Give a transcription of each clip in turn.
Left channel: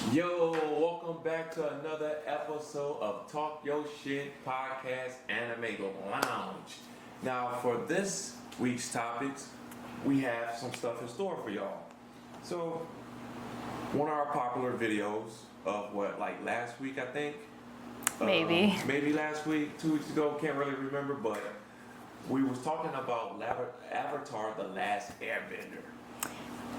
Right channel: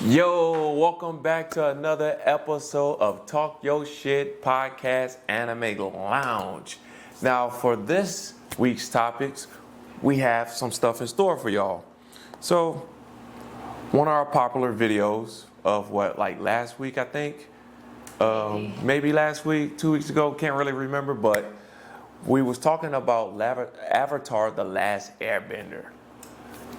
Yo, welcome back to another episode of Talk Yo Shit Podcast Anime Lounge. Now, for this week's topics, we have some stuff in store for y'all. So, one of our popular videos of last week, I think? Maybe last week, 2 weeks ago, can't really remember, but we was talking about Avatar: The Last Airbender.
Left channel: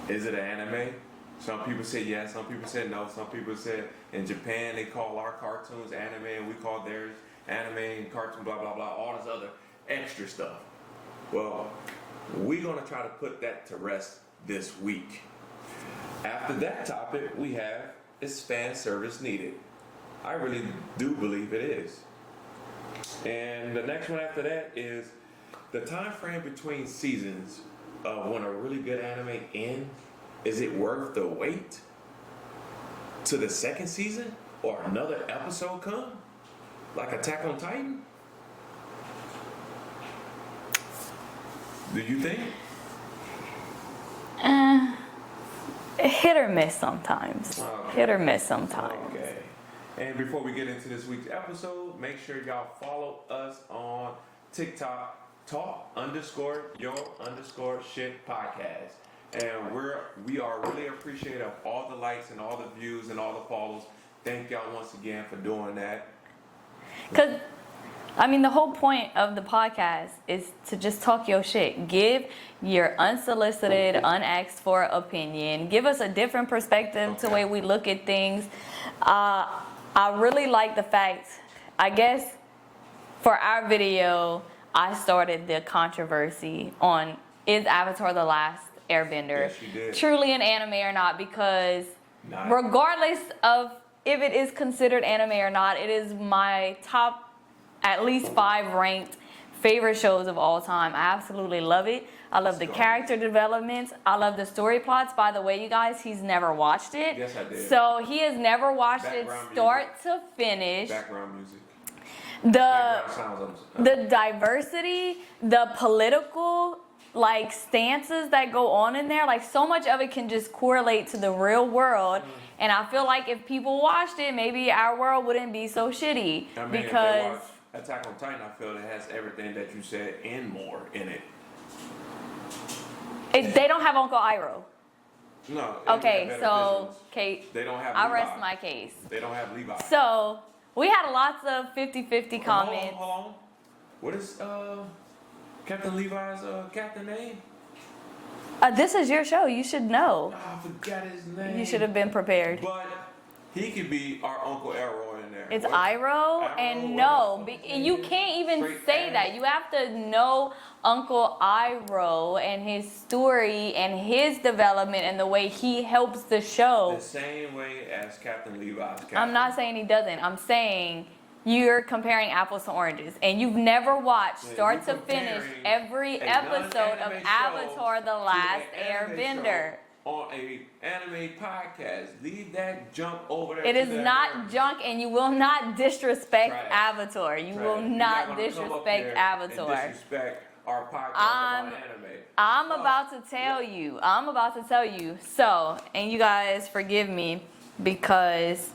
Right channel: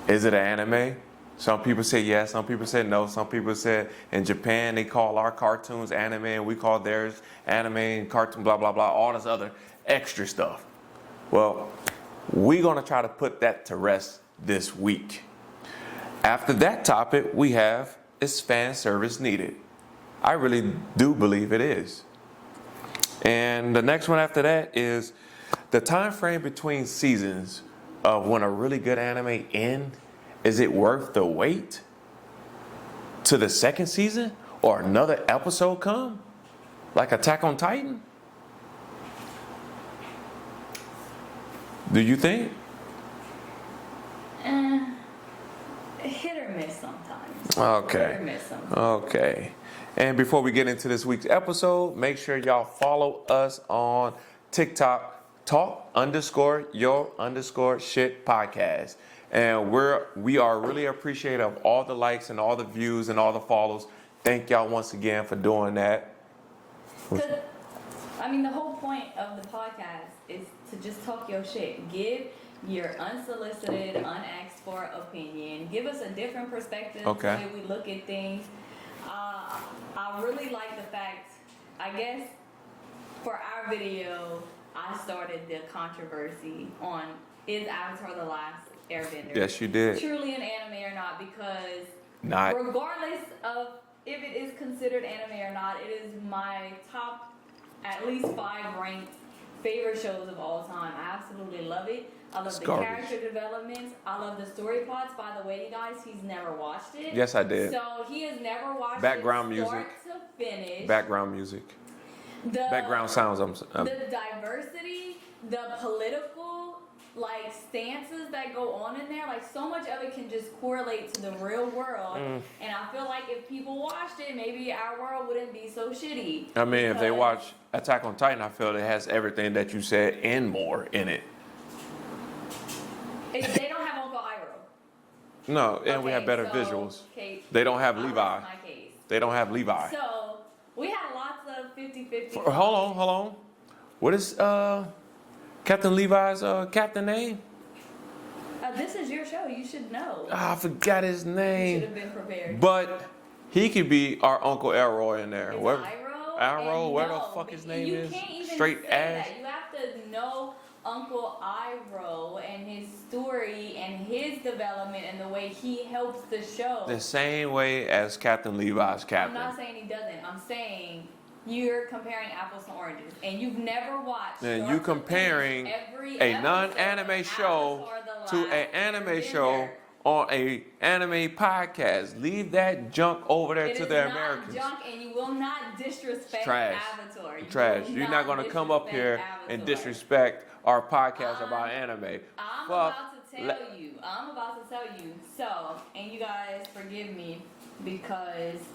Is it an anime? Some people say yes, some people say no. Some people said in Japan they call our cartoons anime and we call theirs anime and cartoon, blah, blah, blah, all this other extra stuff. Well, we're going to try to put that to rest this week. After that topic, we have, is fan service needed? I really do believe it is. And the next one after that is the time frame between seasons of when a really good anime ends. Is it worth the wait to the second season or another episode come? Like Attack on Titan? Do you think? Hit or miss sometimes. Okay. Hit or miss sometimes. Okay. And before we get into this week's episode, make sure y'all follow us on TikTok, talk_your_shit podcast. And we are really appreciative of all the likes and all the views and all the follows. Thank y'all once again for doing that. Because, the whole point of the podcast is to just talk your shit. Give your unsolicited, unasked for opinion. Give us a different perspective to the way we look at things. I really like the fact, I guess, for our video, I started the controversy on is Avatar the Last Airbender Yes, you did. truly an anime or not, because regardless of if it is considered anime or not, it is my top at least 5 ranked favorite shows of all time. I absolutely love it. I love the character developments. I love the story plots. By the way, you guys, he's never watched it. Yes, I did. So he has never watched it start to finish. Background music. Background sounds. The diversity, the political stances that go on in there, so much of it can just correlate to the real world. And I feel like if people watched it, maybe our world wouldn't be so shitty. If they watch Attack on Titan, I feel it has everything that you said and more in it. They don't have Uncle Iroh. No, and we have better visuals. They don't have Levi. I rest my case. They don't have Levi. So we had lots of 50-50 comments. Hold on. What is Captain Levi's captain name? This is your show. You should know. I forgot his name. You should have been prepared. But he could be our Uncle Elroy in there. It's Iroh, and no, you can't even say that. You have to know Uncle Iroh and his story and his development and the way he helps the show. The same way as Captain Levi's captain. I'm not saying he doesn't. I'm saying you're comparing apples to oranges, and you've never watched start to finish every episode of Avatar: The Last Airbender. On a anime podcast. Leave that junk over there to the Americans. It is not junk, and you will not disrespect Avatar. You're not going to come up here and disrespect our podcast about anime. I'm about to tell you. So, and you guys forgive me because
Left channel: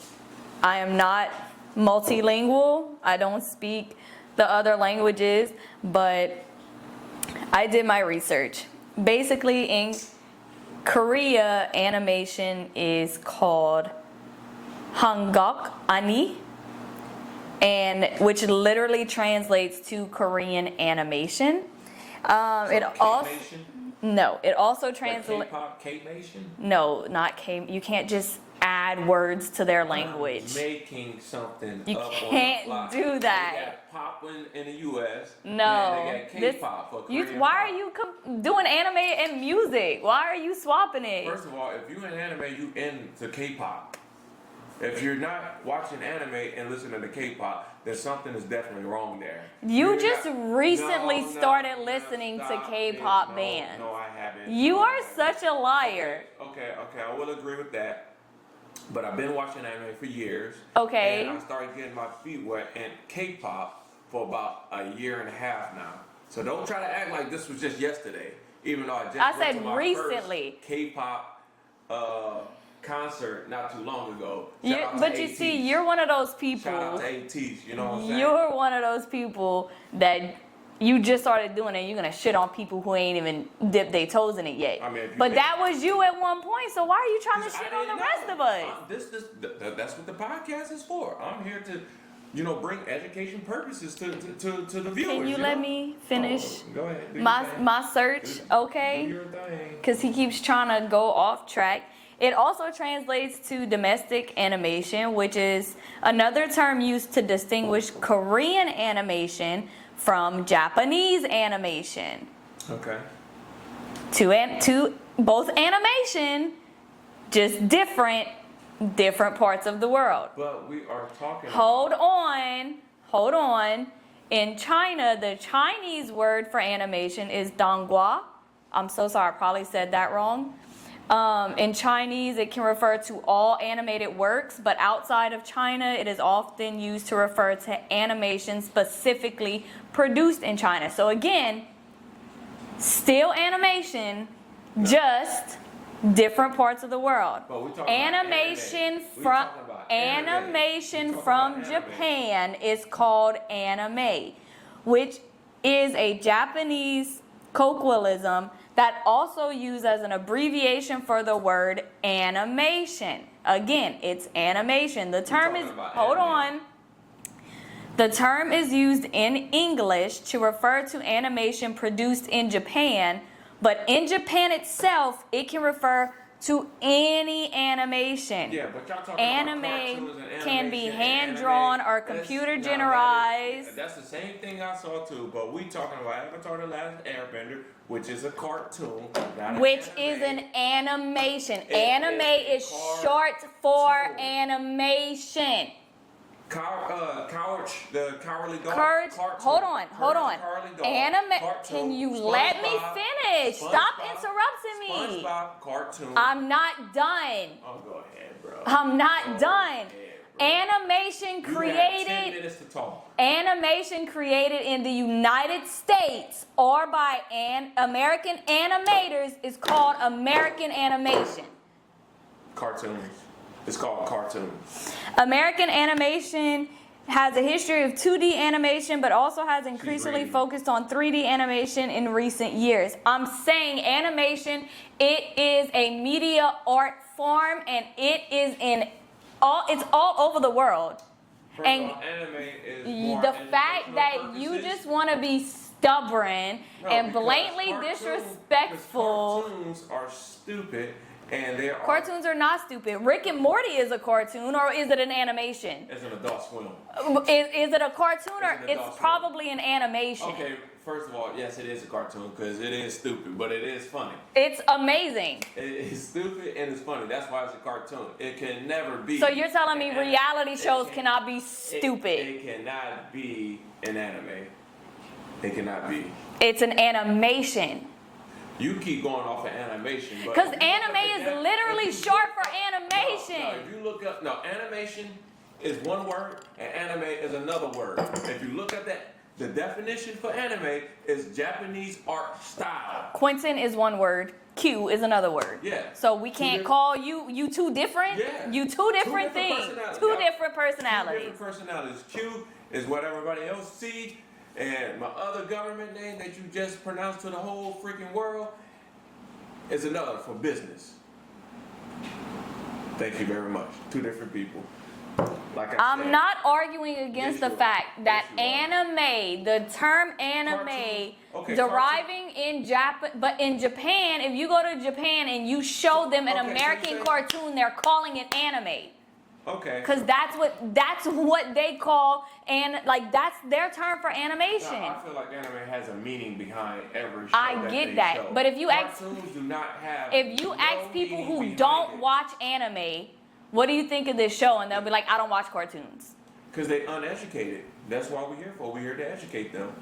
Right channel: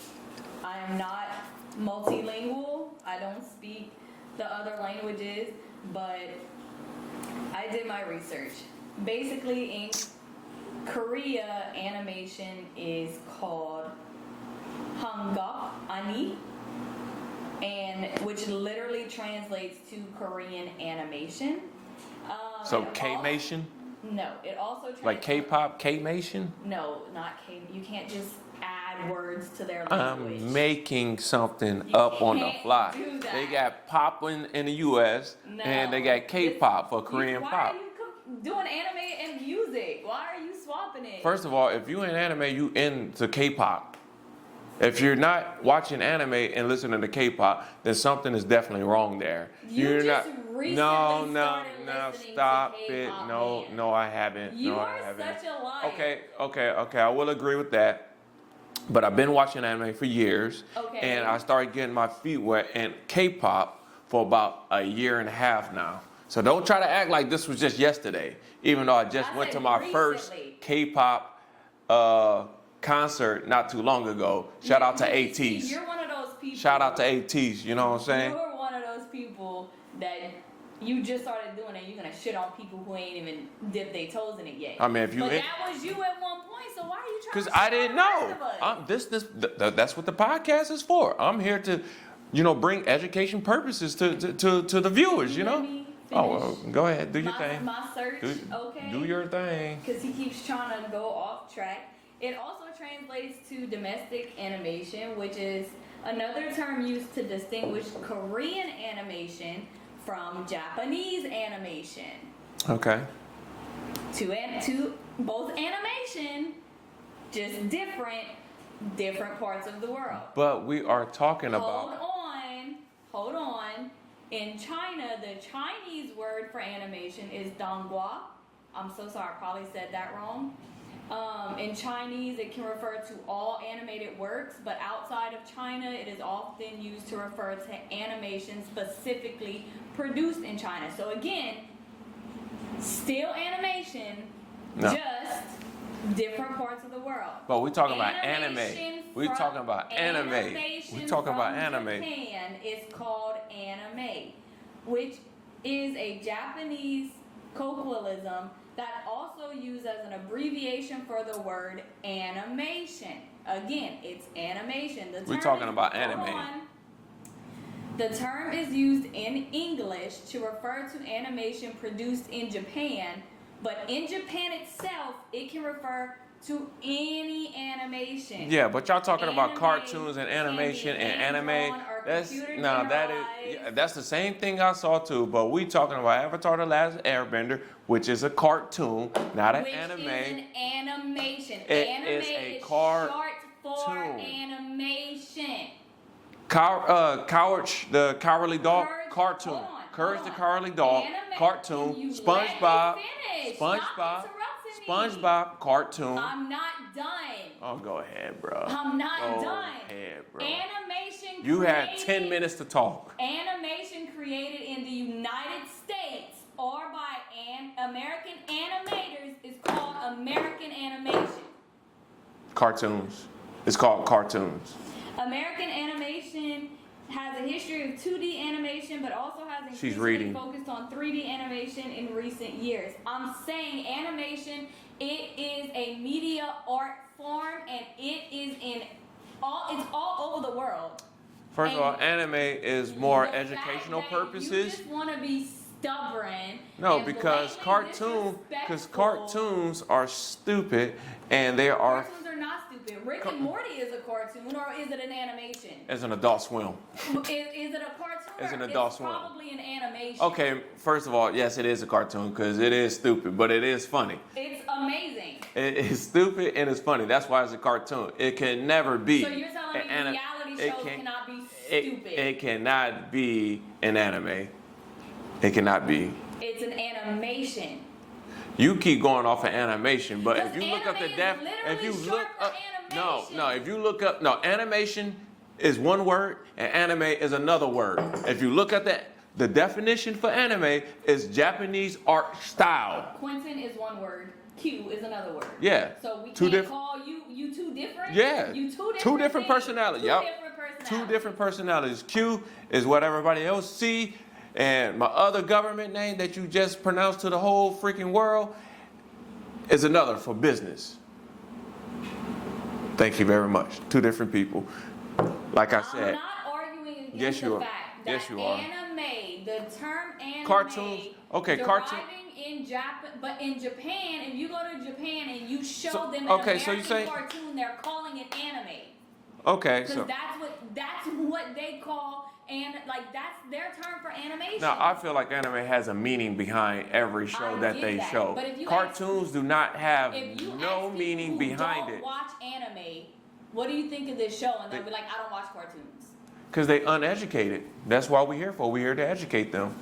I am not multilingual. I don't speak the other languages, but I did my research. Basically, in Korea, animation is called Hanguk Ani, and which literally translates to Korean animation. K-mation? No, it also translates like K-pop, K-mation? No, not K. You can't just add words to their language. I'm making something up on the fly. You can't do that. They got pop in the U.S. and they got K-pop for Korean pop. Why are you doing anime and music? Why are you swapping it? First of all, if you in anime, you into K-pop. If you're not watching anime and listening to K-pop, then something is definitely wrong there. You recently started listening to K-pop bands. No, I haven't. You are such a liar. Okay. I will agree with that. But I've been watching anime for years. Okay. And I started getting my feet wet in K-pop for about a year and a half now. So don't try to act like this was just yesterday. Even though I went to my first K-pop concert not too long ago. Shout out to but ATs. you see, you're one of those people. Shout out to ATs. You know what I'm saying? You're one of those people that you just started doing it. You're gonna shit on people who ain't even dipped their toes in it yet. I mean, if you but that was you at one point. So why are you trying to shit I didn't on the rest of us? That's what the podcast is for. I'm here to, bring education purposes to the viewers. Can you let me finish? Go ahead. Do your thing. My search, okay? Do your thing. Because he keeps trying to go off track. It also translates to domestic animation, which is another term used to distinguish Korean animation from Japanese animation. Okay. To both animation, just different parts of the world. But we are talking about. Hold on. In China, the Chinese word for animation is donghua. I'm so sorry, I probably said that wrong. In Chinese, it can refer to all animated works, but outside of China, it is often used to refer to animation specifically produced in China. So again, still animation, just different parts of the world. But we're talking about animation. We're talking about anime. Animation from Japan is called anime, which is a Japanese colloquialism that also used as an abbreviation for the word animation. Again, it's animation. The term is hold on. The term is used in English to refer to animation produced in Japan, but in Japan itself, it can refer to any animation. Yeah, but y'all talking about cartoons and animation can be hand and drawn anime. or computer generalized. That's the same thing I saw too, but we talking about Avatar: The Last Airbender, which is a cartoon, not an which anime. is an animation. It Anime is short for animation. Courage the Cowardly Dog cartoon. Hold on. The Cowardly Dog cartoon. You SpongeBob, let me finish. Stop interrupting me. SpongeBob cartoon. I'm not done. Oh, go ahead, bro. I'm not Go done. ahead, bro. Animation You created. have 10 minutes to talk. Animation created in the United States or by American animators is called American animation. Cartoons. It's called cartoons. American animation has a history of 2D animation, but also has increasingly focused on 3D animation in recent years. I'm saying animation, it is a media art form, and it is it's all over the world. First of all, anime is more educational purposes. The fact that you just want to be stubborn and blatantly disrespectful. Because cartoons are stupid. And they are. Cartoons are not stupid. Rick and Morty is a cartoon, or is it an animation? It's an Adult Swim. Is it a cartoon, or it's Swim. probably an animation? Okay, first of all, yes, it is a cartoon because it is stupid, but it is funny. It's amazing. It is stupid and it's funny. That's why it's a cartoon. It can never be. So you're telling me reality shows cannot be stupid? It cannot be an anime. It cannot be. It's an animation. You keep going off of animation, but because anime is literally short for animation. No, if you look up, animation is one word and anime is another word. If you look at the definition for anime is Japanese art style. Quentin is one word. Q is another word. Yeah. So we can't call you two different? Yeah. You two different things. Personalities. Two different personalities. Two different personalities. Q is what everybody else see. And my other government name that you just pronounced to the whole freaking world is another for business. Thank you very much. Two different people. Like I said. I'm not arguing against the fact that anime, the term anime, deriving in Japan, but in Japan, if you go to Japan and you show them an American cartoon, they're calling it anime. Okay. Because that's what they call, and like that's their term for animation. Now I feel like anime has a meaning behind every show that they show. But if you cartoons do not have if you ask people who don't watch anime, what do you think of this show? And they'll be like, I don't watch cartoons. Because they uneducated. That's why we're here for. We're here to educate them.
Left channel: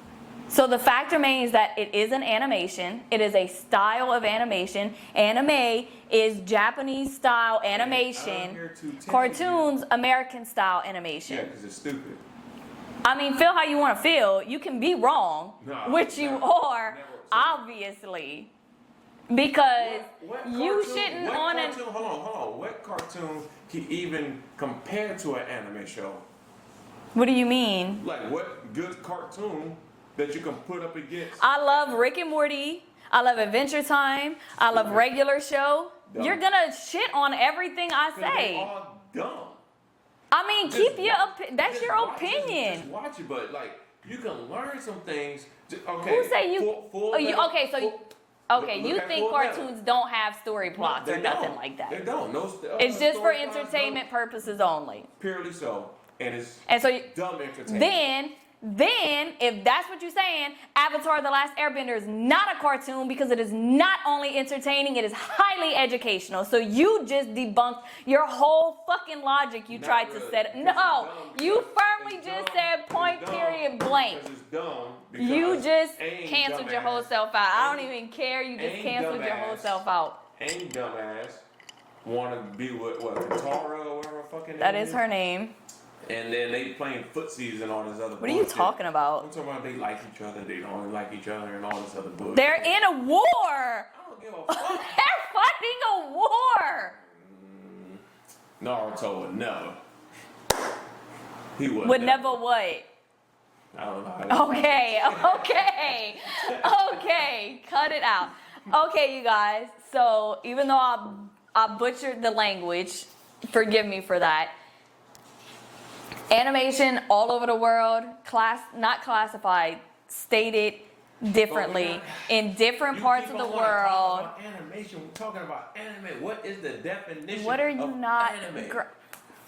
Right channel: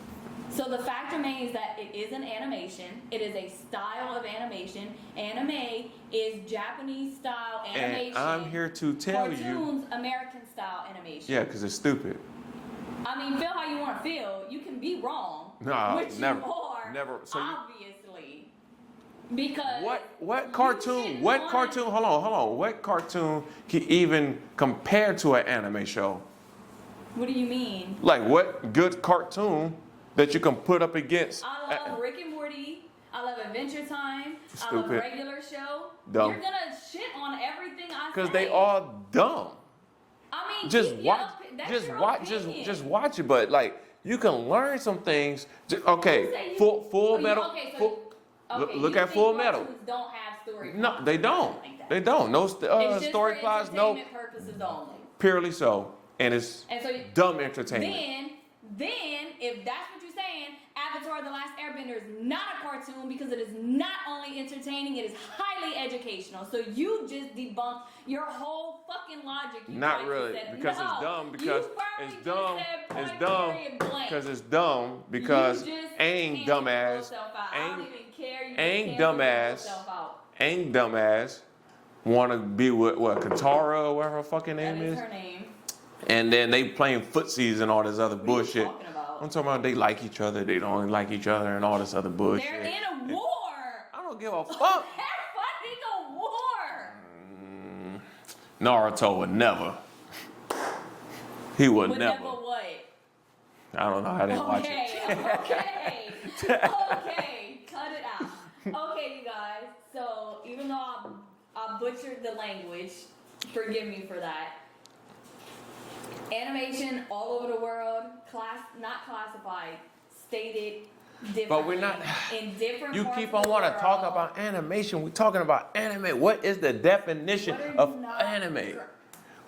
So the fact remains that it is an animation. It is a style of animation. Anime is Japanese style animation. And I'm here to tell Cartoons, American style animation. Yeah, because it's stupid. I mean, feel how you want to feel. You can be wrong, which you are, obviously. Because what you cartoon? shouldn't What on cartoon? Hold on. What cartoon can even compare to an anime show? What do you mean? Like what good cartoon that you can put up against? I love Rick and Morty. I love Adventure Time. I love Stupid. Regular Show. Dumb. You're gonna shit on everything I say. Because they all dumb. I mean, Just keep your watch- that's just your watch- opinion. Just watch it, but like you can learn some things. Okay, Who say you? Full oh, you Metal. okay, so Full- okay, look you at think Full cartoons Metal. don't have story No, plots they or nothing don't. like that? They don't. No, It's just for story plots, no. entertainment purposes only. Purely so, and it's And so dumb entertainment. then, if that's what you're saying, Avatar: The Last Airbender is not a cartoon because it is not only entertaining, it is highly educational. So you just debunked your whole fucking logic you Not tried really, to set. because it's No, dumb, you because firmly it's just dumb, said point it's dumb, period blank. Because it's dumb. You Because just ain't canceled your whole dumbass, self out. I don't ain't- even care. You just ain't canceled your whole dumbass. self out. Ain't dumbass want to be with what Katara or whatever her fucking name That is her name. And then they playing footsies and all this other What are you bullshit. talking about? I'm talking about they like each other, they don't like each other, and all this other bullshit. They're in a war. I don't give a fuck. They're fighting a war. Naruto would never. He would Would never. never what? I don't know how to. Okay, okay, cut it out. Okay, you guys. So even though I butchered the language, forgive me for that. Animation all over the world, not classified, stated differently not- in different You parts keep of on the wanting world. to talk about animation. We're talking about anime. What is the definition What are you of not? anime?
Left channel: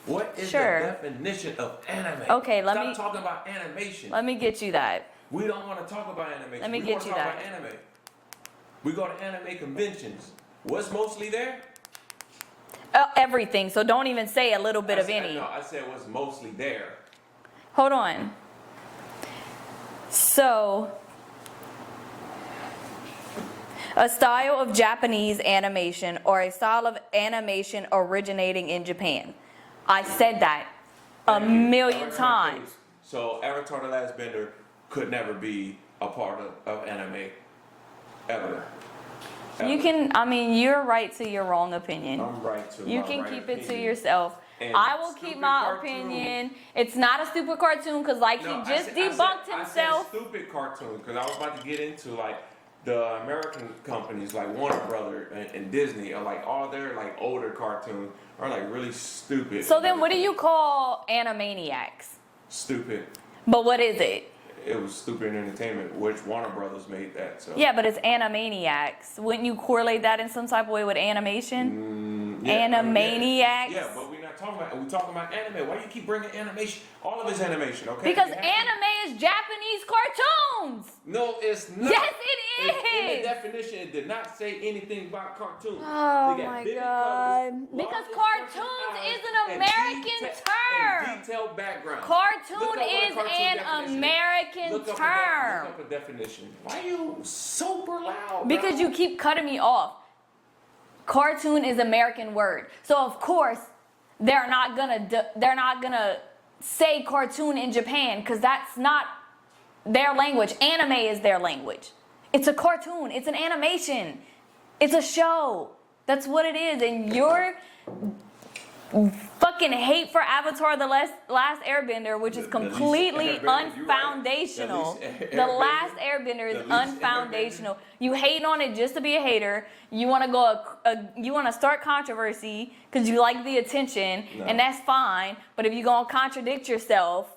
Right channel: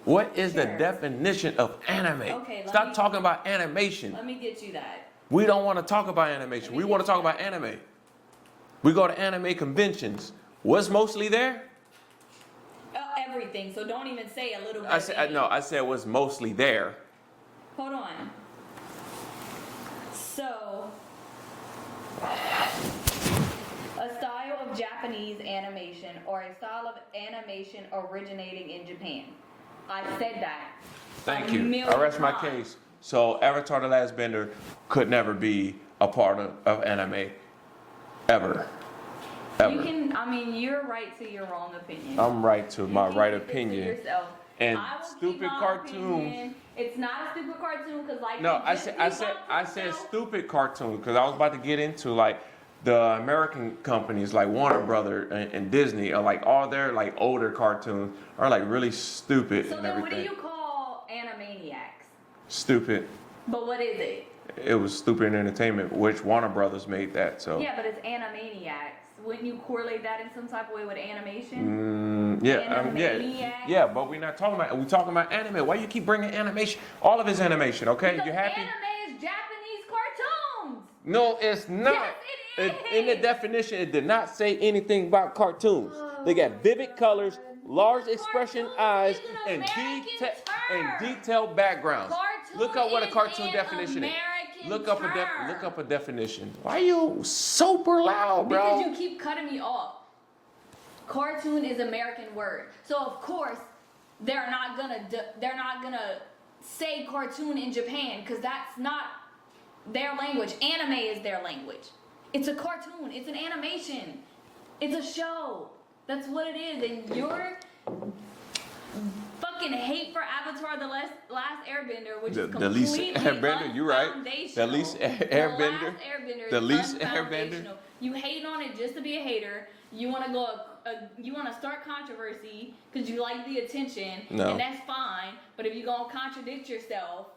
What is Sure. the definition of anime? Okay, Stop talking about animation. Let me get you that. We don't want to talk about animation. Let me We get want to you talk that. about anime. We go to anime conventions. What's mostly there? Everything. So don't even say a little bit of any. I said what's mostly there. Hold on. So, a style of Japanese animation or a style of animation originating in Japan. I said that Thank a you. million I rest my times. case. So Avatar: The Last Bender could never be a part of anime. Ever. You can, I mean, you're right to your wrong opinion. I'm right to You my can right keep opinion. it to yourself. And I will keep stupid my cartoon. opinion. It's not a stupid cartoon because, like, No, he just debunked I said himself. stupid cartoon because I was about to get into like the American companies like Warner Brother and Disney are like all their like older cartoons are like really stupid. So and then, what do everything. you call Animaniacs? Stupid. But what is it? It was stupid entertainment, which Warner Brothers made that. So Yeah, but it's Animaniacs. Wouldn't you correlate that in some type of way with animation? Animaniacs? Yeah, but we're not talking about. We're talking about anime. Why you keep bringing animation? All of it's animation, okay? Because You happy? anime is Japanese cartoons. No, it's not. Yes, it In the is. definition, it did not say anything about cartoons. Oh They got my vivid God. colors, large Because expression cartoons eyes, is an American term. and detailed backgrounds. Cartoon Look up what a is cartoon an definition American is. Look up term. look up a definition. Why are you super loud, bro? Because you keep cutting me off. Cartoon is American word, so of course they're not gonna say cartoon in Japan because that's not their language. Anime is their language. It's a cartoon. It's an animation. It's a show. That's what it is. And your fucking hate for Avatar: The Last Airbender, which is The least completely Airbender, you're right. unfoundational. The least The Airbender. Last Airbender The is least unfoundational. You hate on it just to be a hater. You want to you want to start controversy because you like the attention, No. and that's fine. But if you're gonna contradict yourself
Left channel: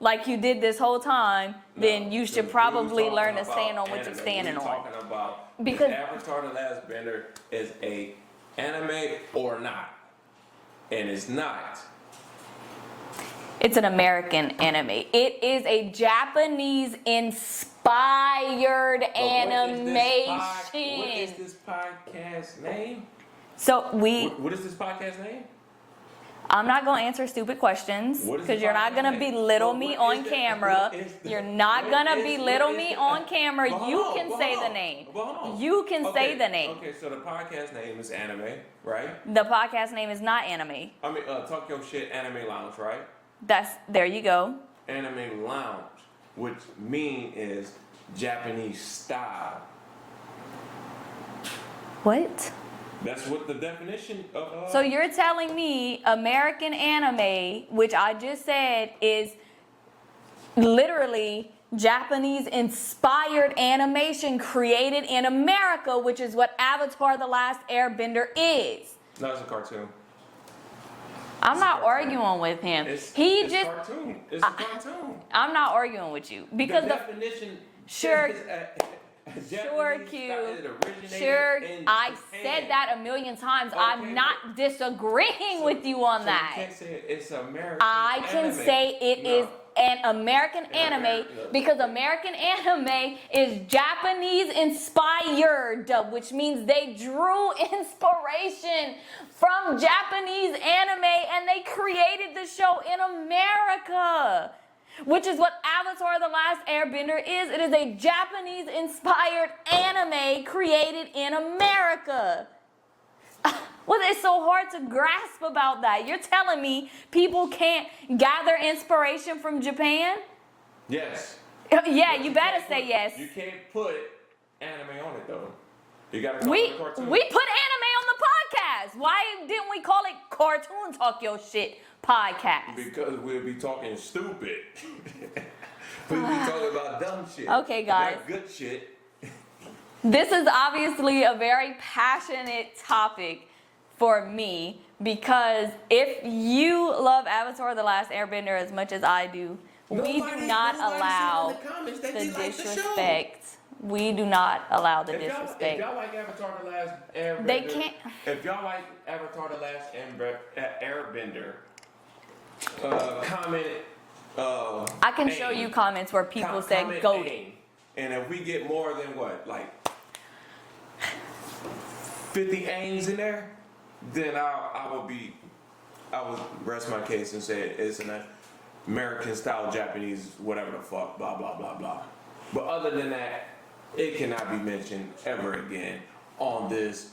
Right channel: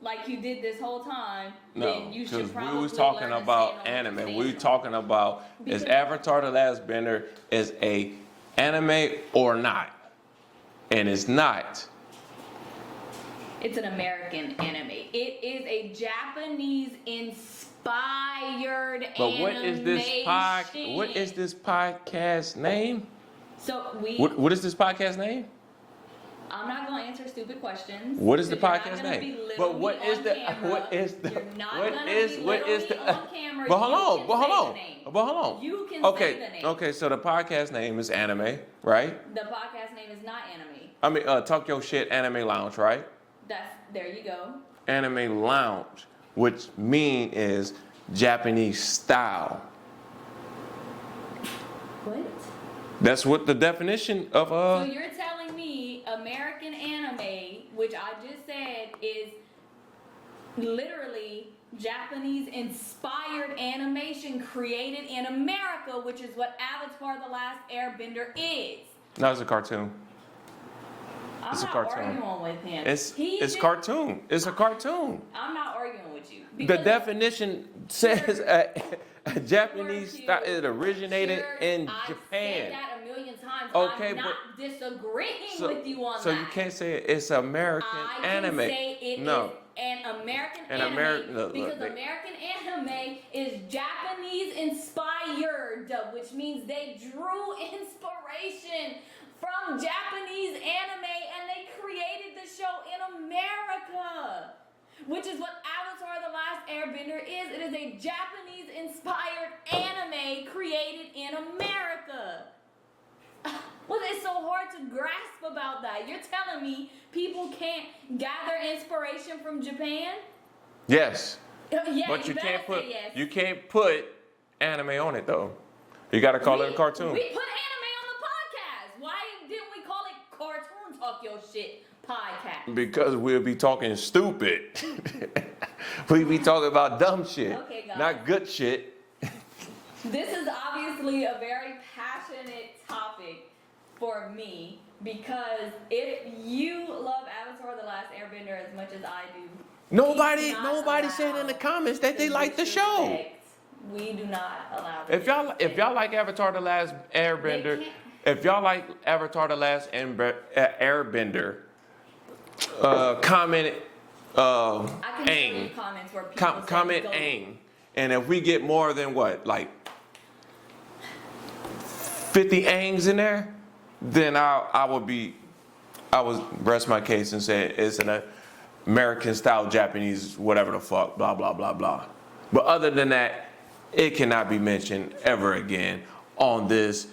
like you did this whole time, then you should probably learn to stand on what you're standing We're on. talking about Because- is Avatar: The Last Bender is a anime or not, and it's not. It's an American anime. It is a Japanese inspired But animation. what is this podcast name? So What is this podcast name? I'm not gonna answer stupid questions What is the because you're not podcast gonna name? belittle But me what on is the- camera. what is the- You're not what gonna is- belittle what is me the- on camera. But hold You on, can but say hold the on, name. But hold on. You can say the name. Okay, so the podcast name is Anime, right? The podcast name is not anime. I mean, Talk Your Shit Anime Lounge, right? There you go. Anime Lounge, which is Japanese style. What? That's what the definition of So you're telling me American anime, which I just said is literally Japanese inspired animation created in America, which is what Avatar: The Last Airbender is. No, it's a cartoon. I'm It's a not cartoon. arguing with him. It's just cartoon. It's a cartoon. I'm not arguing with you The because definition Sure. says a Japanese Q. style. It originated Sure, in I Japan. said that a million times. Okay, I'm not disagreeing So- with you on so that. you can't say it's American I can anime. say it is No. an American An anime look, because look. American anime is Japanese inspired, which means they drew inspiration from Japanese anime and they created the show in America, which is what Avatar: The Last Airbender is. It is a Japanese inspired anime created in America. What is so hard to grasp about that? You're telling me people can't gather inspiration from Japan? Yes. Yeah, But you better can't say put- yes. You can't put anime on it though. You gotta call it a cartoon. We put anime on the podcast. Why didn't we call it Cartoon Talk Your Shit Podcast? Because we'll be talking stupid. We be talking about dumb shit. Okay, guys. Not good shit. This is obviously a very passionate topic for me because if you love Avatar: The Last Airbender as much as I do, Nobody we do not said allow in the comments that they the like the show. disrespect. We do not allow the If disrespect. y'all like Avatar: The Last Airbender, can't- if y'all like Avatar: The Last Airbender, comment. I can show aim. you comments where people say Comment go. aim, and if we get more than what, like 50 aims in there, then I would rest my case and say it's an American style Japanese whatever the fuck, blah blah blah blah. But other than that, it cannot be mentioned ever again on this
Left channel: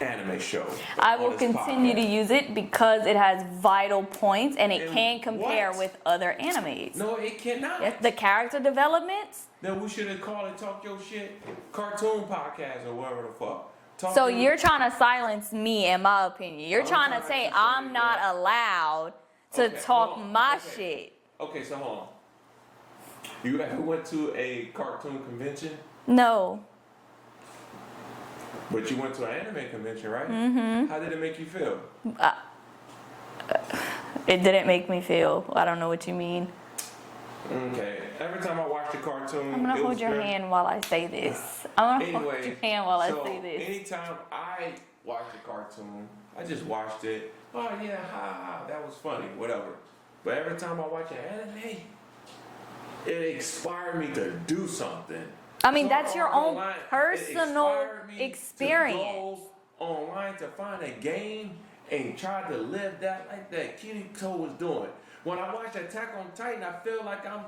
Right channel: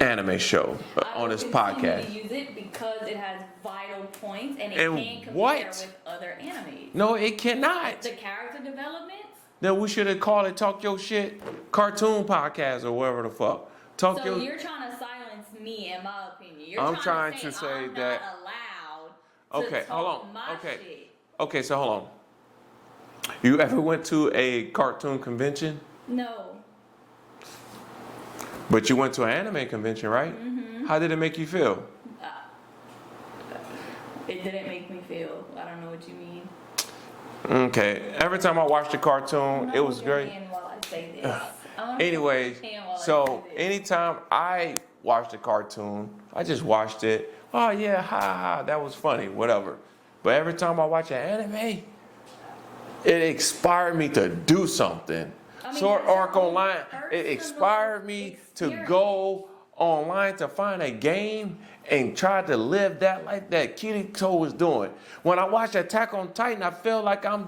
anime show, I on will this continue podcast. to use it because it has vital points and it And can compare what? with other animes. No, it cannot. The character developments. Then we should have called it Talk Your Shit Cartoon Podcast or whatever the fuck. Talk So your- you're trying to silence me and my opinion. You're I'm trying trying to say to say I'm not that- allowed to Okay, talk hold on. my Okay. shit. Okay, so hold on. You ever went to a cartoon convention? No. But you went to an anime convention, right? Mm-hmm. How did it make you feel? It didn't make me feel. I don't know what you mean. Okay. Every time I watched the I'm cartoon, gonna it hold was your great. hand while I say this. I'm gonna Anyway, hold your hand while I so say this. anytime I watched a cartoon, I just watched it. Oh yeah, ha ha, that was funny, whatever. But every time I watch an anime, it inspired me to do something. I mean, that's your Arc own Online, personal it inspired me experience. to go online to find a game and try to live that life that Kirito was doing. When I watched Attack on Titan, I feel like I'm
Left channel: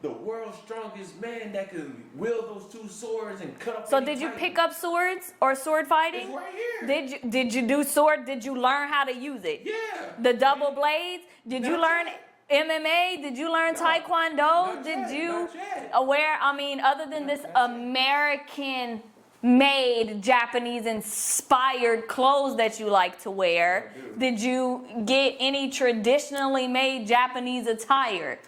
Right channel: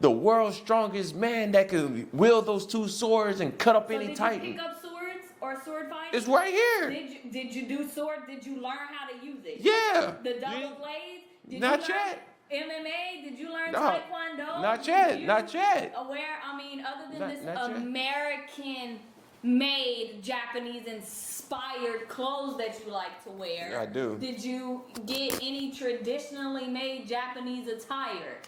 the world's strongest man that could wield those two swords and cut up So any did you Titan. pick up swords or sword fighting? It's right here. Did you do sword? Did you learn how to use it? Yeah. The double blades? Did Not you learn yet. MMA? Did you learn No, Taekwondo? not Did yet, you not yet. Other than Not- this not yet. American made Japanese inspired clothes that you like to wear, I do. did you get any traditionally made Japanese attire?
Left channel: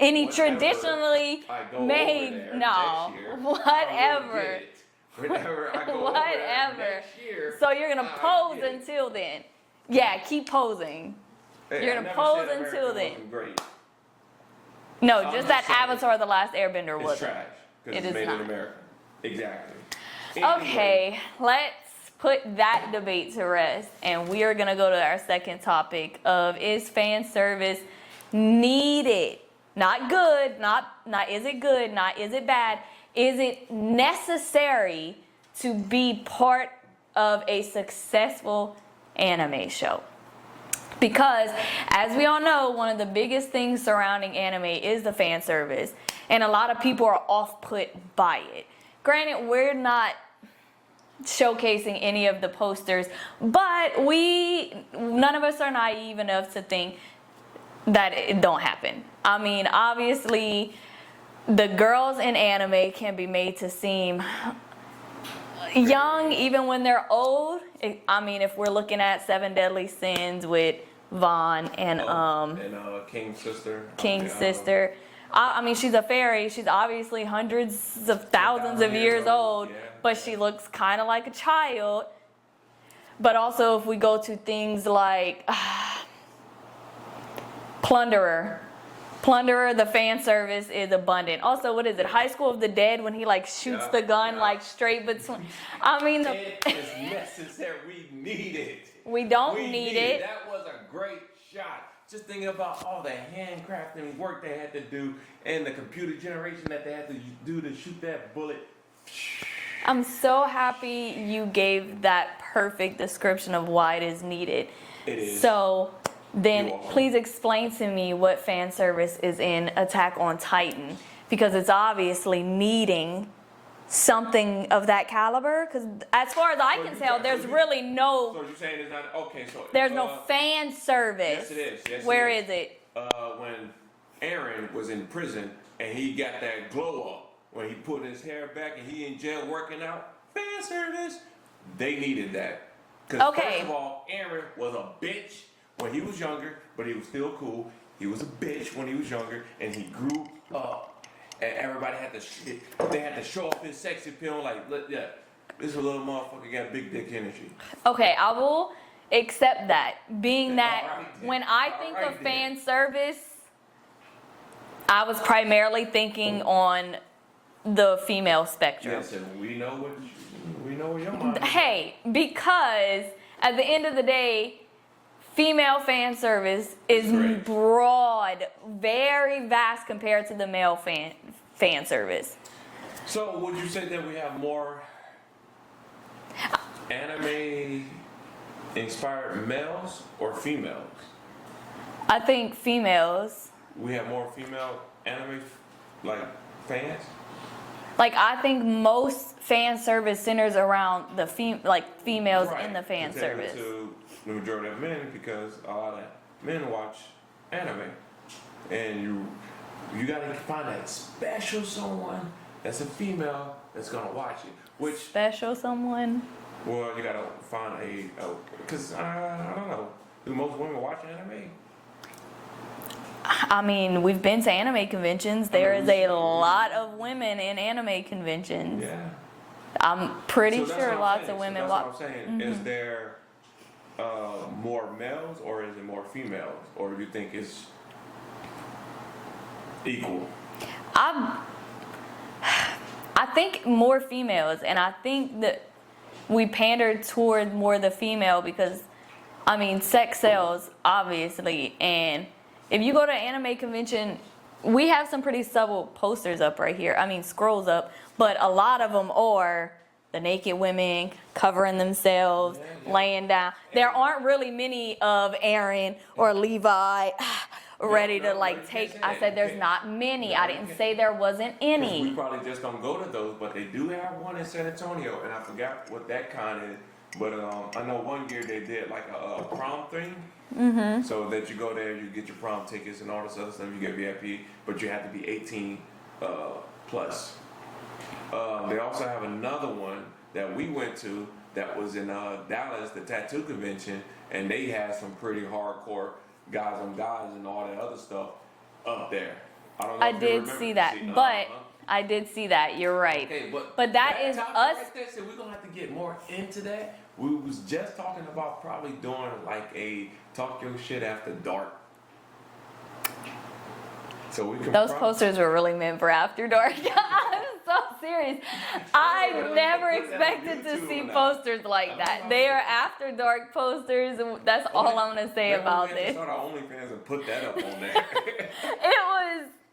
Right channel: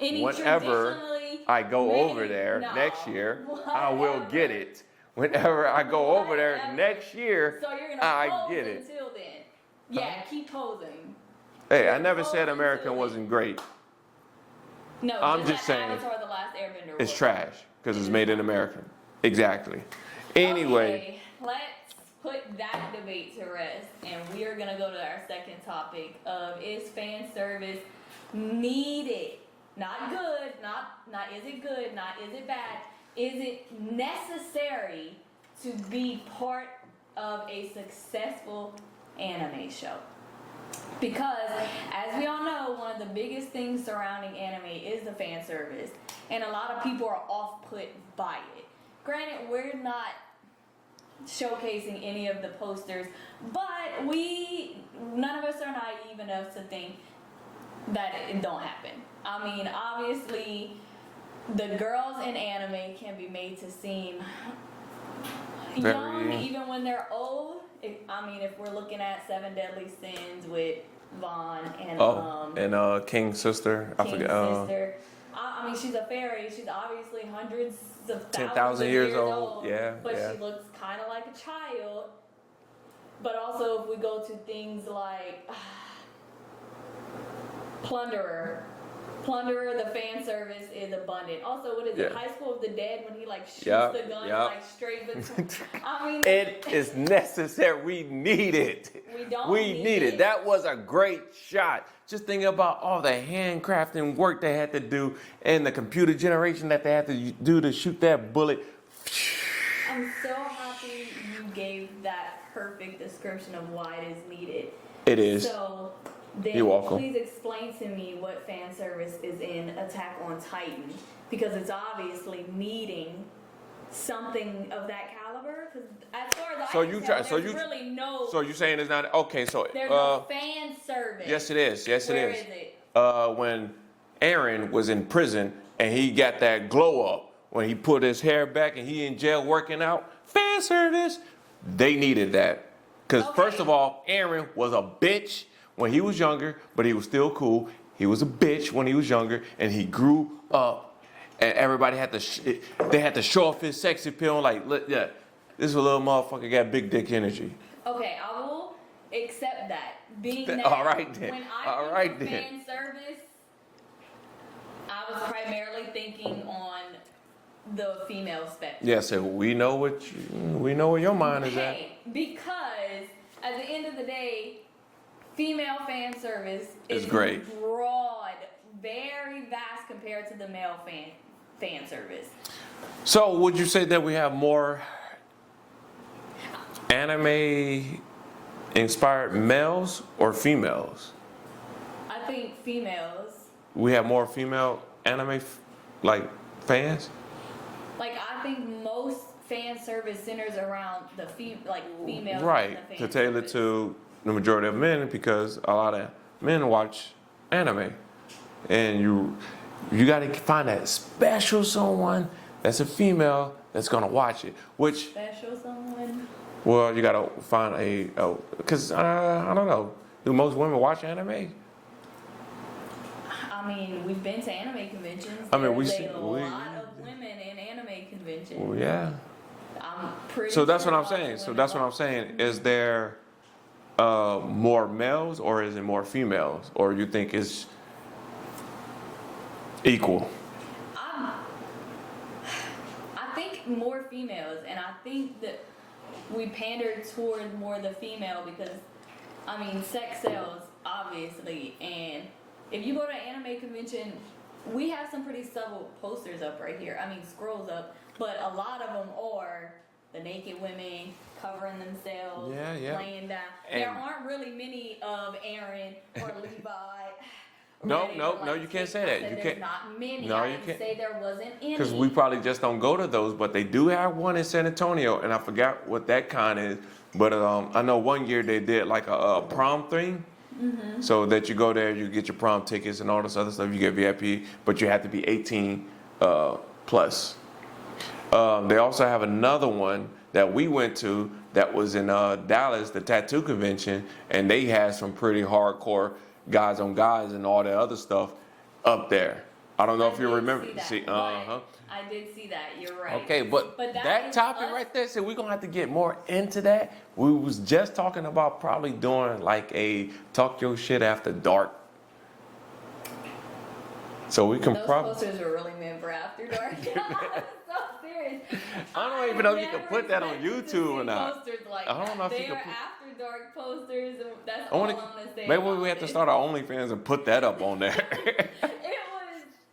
Any Whenever traditionally I go made, over there no, next year, I whatever. will get it. Whenever I go over there Whatever. next year, So you're gonna I pose get it. until then. Yeah, keep posing. Hey, you're I gonna never pose said until America then. wasn't great. No, I'm just just that saying, Avatar: The Last Airbender was It's trash because It it's is made in not. America. Exactly. Anyway, Okay, let's put that debate to rest, and we are gonna go to our second topic of is fan service needed? Not good, not is it good, not is it bad. Is it necessary to be part of a successful anime show? Because, as we all know, one of the biggest things surrounding anime is the fan service, and a lot of people are off-put by it. Granted, we're not showcasing any of the posters, but none of us are naive enough to think that it don't happen. I mean, obviously, the girls in anime can be made to seem young, even when they're old. I mean, if we're looking at Seven Deadly Sins with Vaughn and King's sister. King's sister. I mean, she's a fairy. She's obviously hundreds of thousands of years old, but she looks kind of like a child. But also, if we go to things like Plunderer, the fan service is abundant. Also, what is it? High School of the Dead, when he like shoots the gun like straight between. I mean, it is necessary. We need it. We don't need it. That was a great shot. Just thinking about all the handcrafting work they had to do and the computer generation that they had to do to shoot that bullet. I'm so happy you gave that perfect description of why it is needed. It is. So then please explain to me what fan service is in Attack on Titan, because it's obviously needing something of that caliber, because as far as I can tell, there's really no. So you're saying it's not okay? So there's no fan service. Yes, it is. Yes, Where it is. is it? When Aaron was in prison and he got that glow up when he put his hair back and he in jail working out. Fan service. They needed that because first of all, Aaron was a bitch when he was younger, but he was still cool. He was a bitch when he was younger, and he grew up. And everybody had to, they had to show off his sex appeal. Like, yeah, this little motherfucker got big dick energy. Okay, I will accept that. Being that when I think of then. fan service, I was primarily thinking on the female spectrum. Yeah, so we know where your mind is Hey, because at the end of the day, female fan service is broad, very vast compared to the male fan service. So would you say that we have more anime inspired males or females? I think females. We have more female anime fans? Like, I think most fan service centers around the females in the fan service. To the majority of men, because a lot of men watch anime, and you got to find that special someone that's a female that's gonna watch it. Which special someone? Well, you got to find because I don't know. Do most women watch anime? I mean, we've been to anime conventions. There's a lot of women in anime conventions. Well, yeah. I'm pretty sure that's what I'm lots saying. of women So that's what I'm saying. Mm-hmm. Is there more males or is it more females? Or you think it's equal? I think more females, and I think that we pander toward more the female because, I mean, sex sells, obviously, and if you go to an anime convention, we have some pretty subtle posters up right here. I mean, scrolls up, but a lot of them are the naked women covering themselves, laying down. And there aren't really many of Aaron or Levi ready to take. I said there's not many. No, I didn't say there wasn't any. Because we probably just don't go to those, but they do have one in San Antonio, and I forgot what that kind is. But I know one year they did like a prom thing. Mm-hmm. So that you go there, you get your prom tickets and all this other stuff. You get VIP, but you have to be 18 plus. They also have another one that we went to that was in Dallas, the tattoo convention, and they had some pretty hardcore guys on guys and all that other stuff up there. I don't know if you remember. I did see that, but I did see that. You're right. Okay, but that topic right there, so we're gonna have to get more into that. We was just talking about probably doing like a Talk Your Shit After Dark. So we can. Those posters were really meant for After Dark. I'm so serious. I never expected to see posters like that. They are After Dark posters, and that's all I'm gonna say about Maybe we have to start our OnlyFans and put that up on there.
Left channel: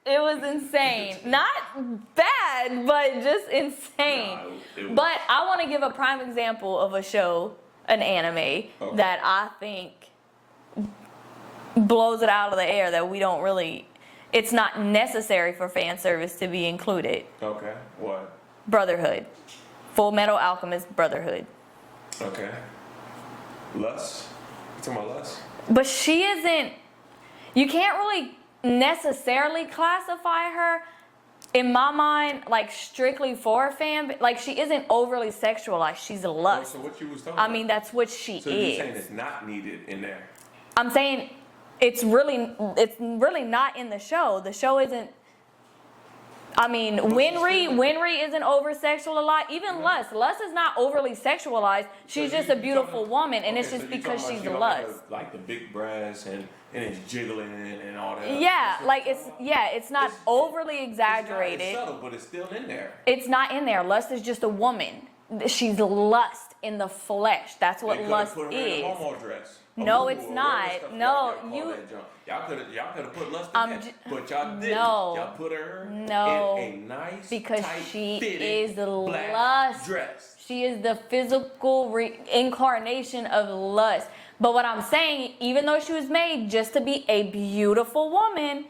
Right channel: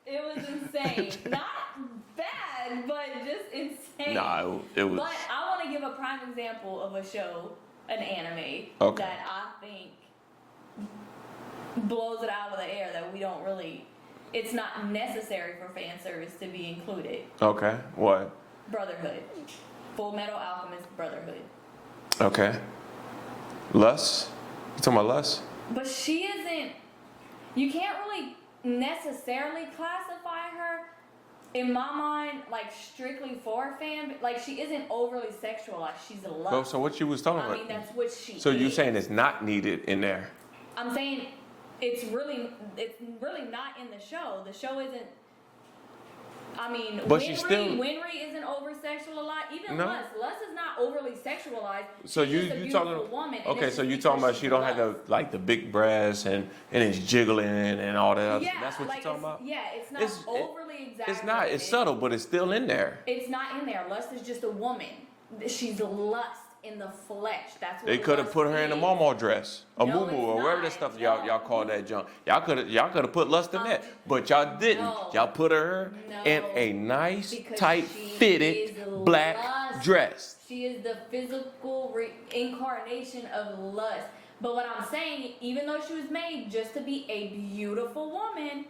It was insane. Not bad, but just insane. No, it was. But I want to give a prime example of a show, an anime, that I think blows it out of the air that we don't really, it's not necessary for fan service to be included. Okay, what? Brotherhood. Full Metal Alchemist Brotherhood. Okay. Lust? You talking about Lust? But she isn't, you can't really necessarily classify her in my mind, like strictly for a fan, like she isn't overly sexualized. She's a lust. Oh, so what you was talking about? I mean, that's what she is. So you're saying it's not needed in there? I'm saying it's really not in the show. The show isn't. I mean, Winry isn't over sexualized. Even Lust is not overly sexualized. So she's just a beautiful woman, and it's just because she's she don't lust. have the big breasts and it's jiggling and all that. Other Yeah, stuff. like it's not overly exaggerated. It's subtle, but it's still in there. It's not in there. Lust is just a woman. She's lust in the flesh. That's what they could have lust put her is. in a Momo dress, a No, boo-boo, it's or not. whatever stuff No, y'all call that junk. Y'all could have put lust in that, but y'all didn't. No. Y'all put her in a nice, because tight, she fitted is black lust. dress. She is the physical incarnation of lust. But what I'm saying, even though she was made just to be a beautiful woman,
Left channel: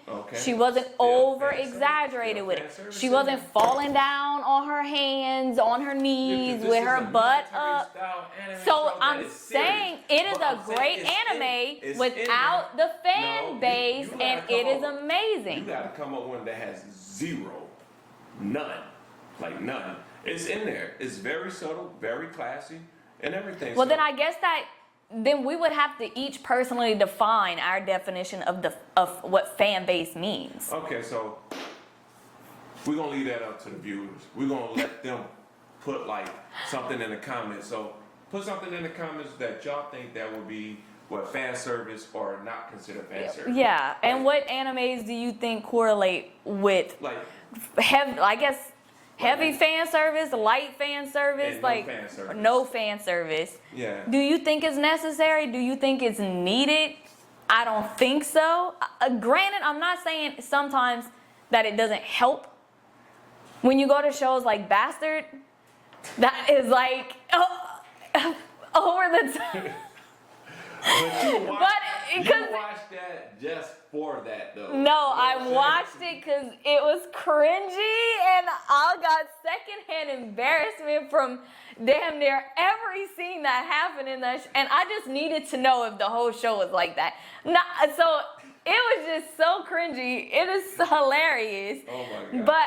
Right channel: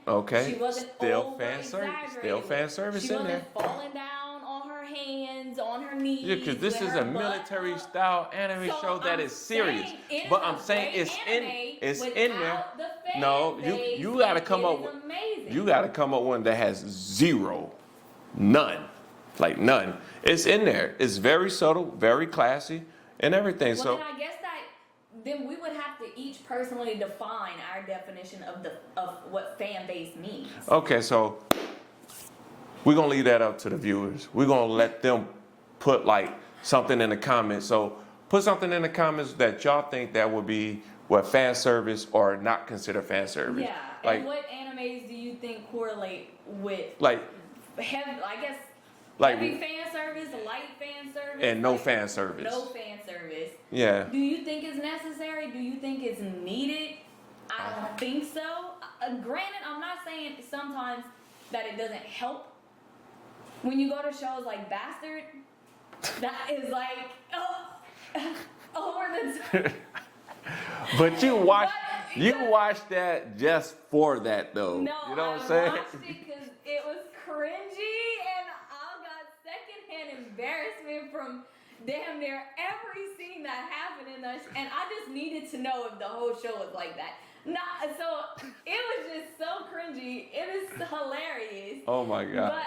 she wasn't over exaggerated with it. She wasn't falling down on her hands, on her knees, with her butt up. Style anime So show that I'm is serious. saying it is a great anime without the fan base, you gotta and come it up is with- amazing. You got to come up with one that has zero, none, like none. It's in there. It's very subtle, very classy, and everything. Well, so, then I guess that then we would have to each personally define our definition of what fan base means. Okay, so we're gonna leave that up to the viewers. We're gonna let them put like something in the comments. So put something in the comments that y'all think that would be what fan service or not consider fan service. Yeah, and Like- what animes do you think correlate with like heavy fan service, light fan service, and no fan service. No fan service. Yeah. Do you think it's necessary? Do you think it's needed? I don't think so. Granted, I'm not saying sometimes that it doesn't help. When you go to shows like Bastard, that is like over the top. But you watched that just for that though. No, You know what I I'm saying? watched it because it was cringy and I got secondhand embarrassment from damn near every scene that happened in that and I just needed to know if the whole show was like that. So it was just so cringy. It is hilarious. Oh my God. But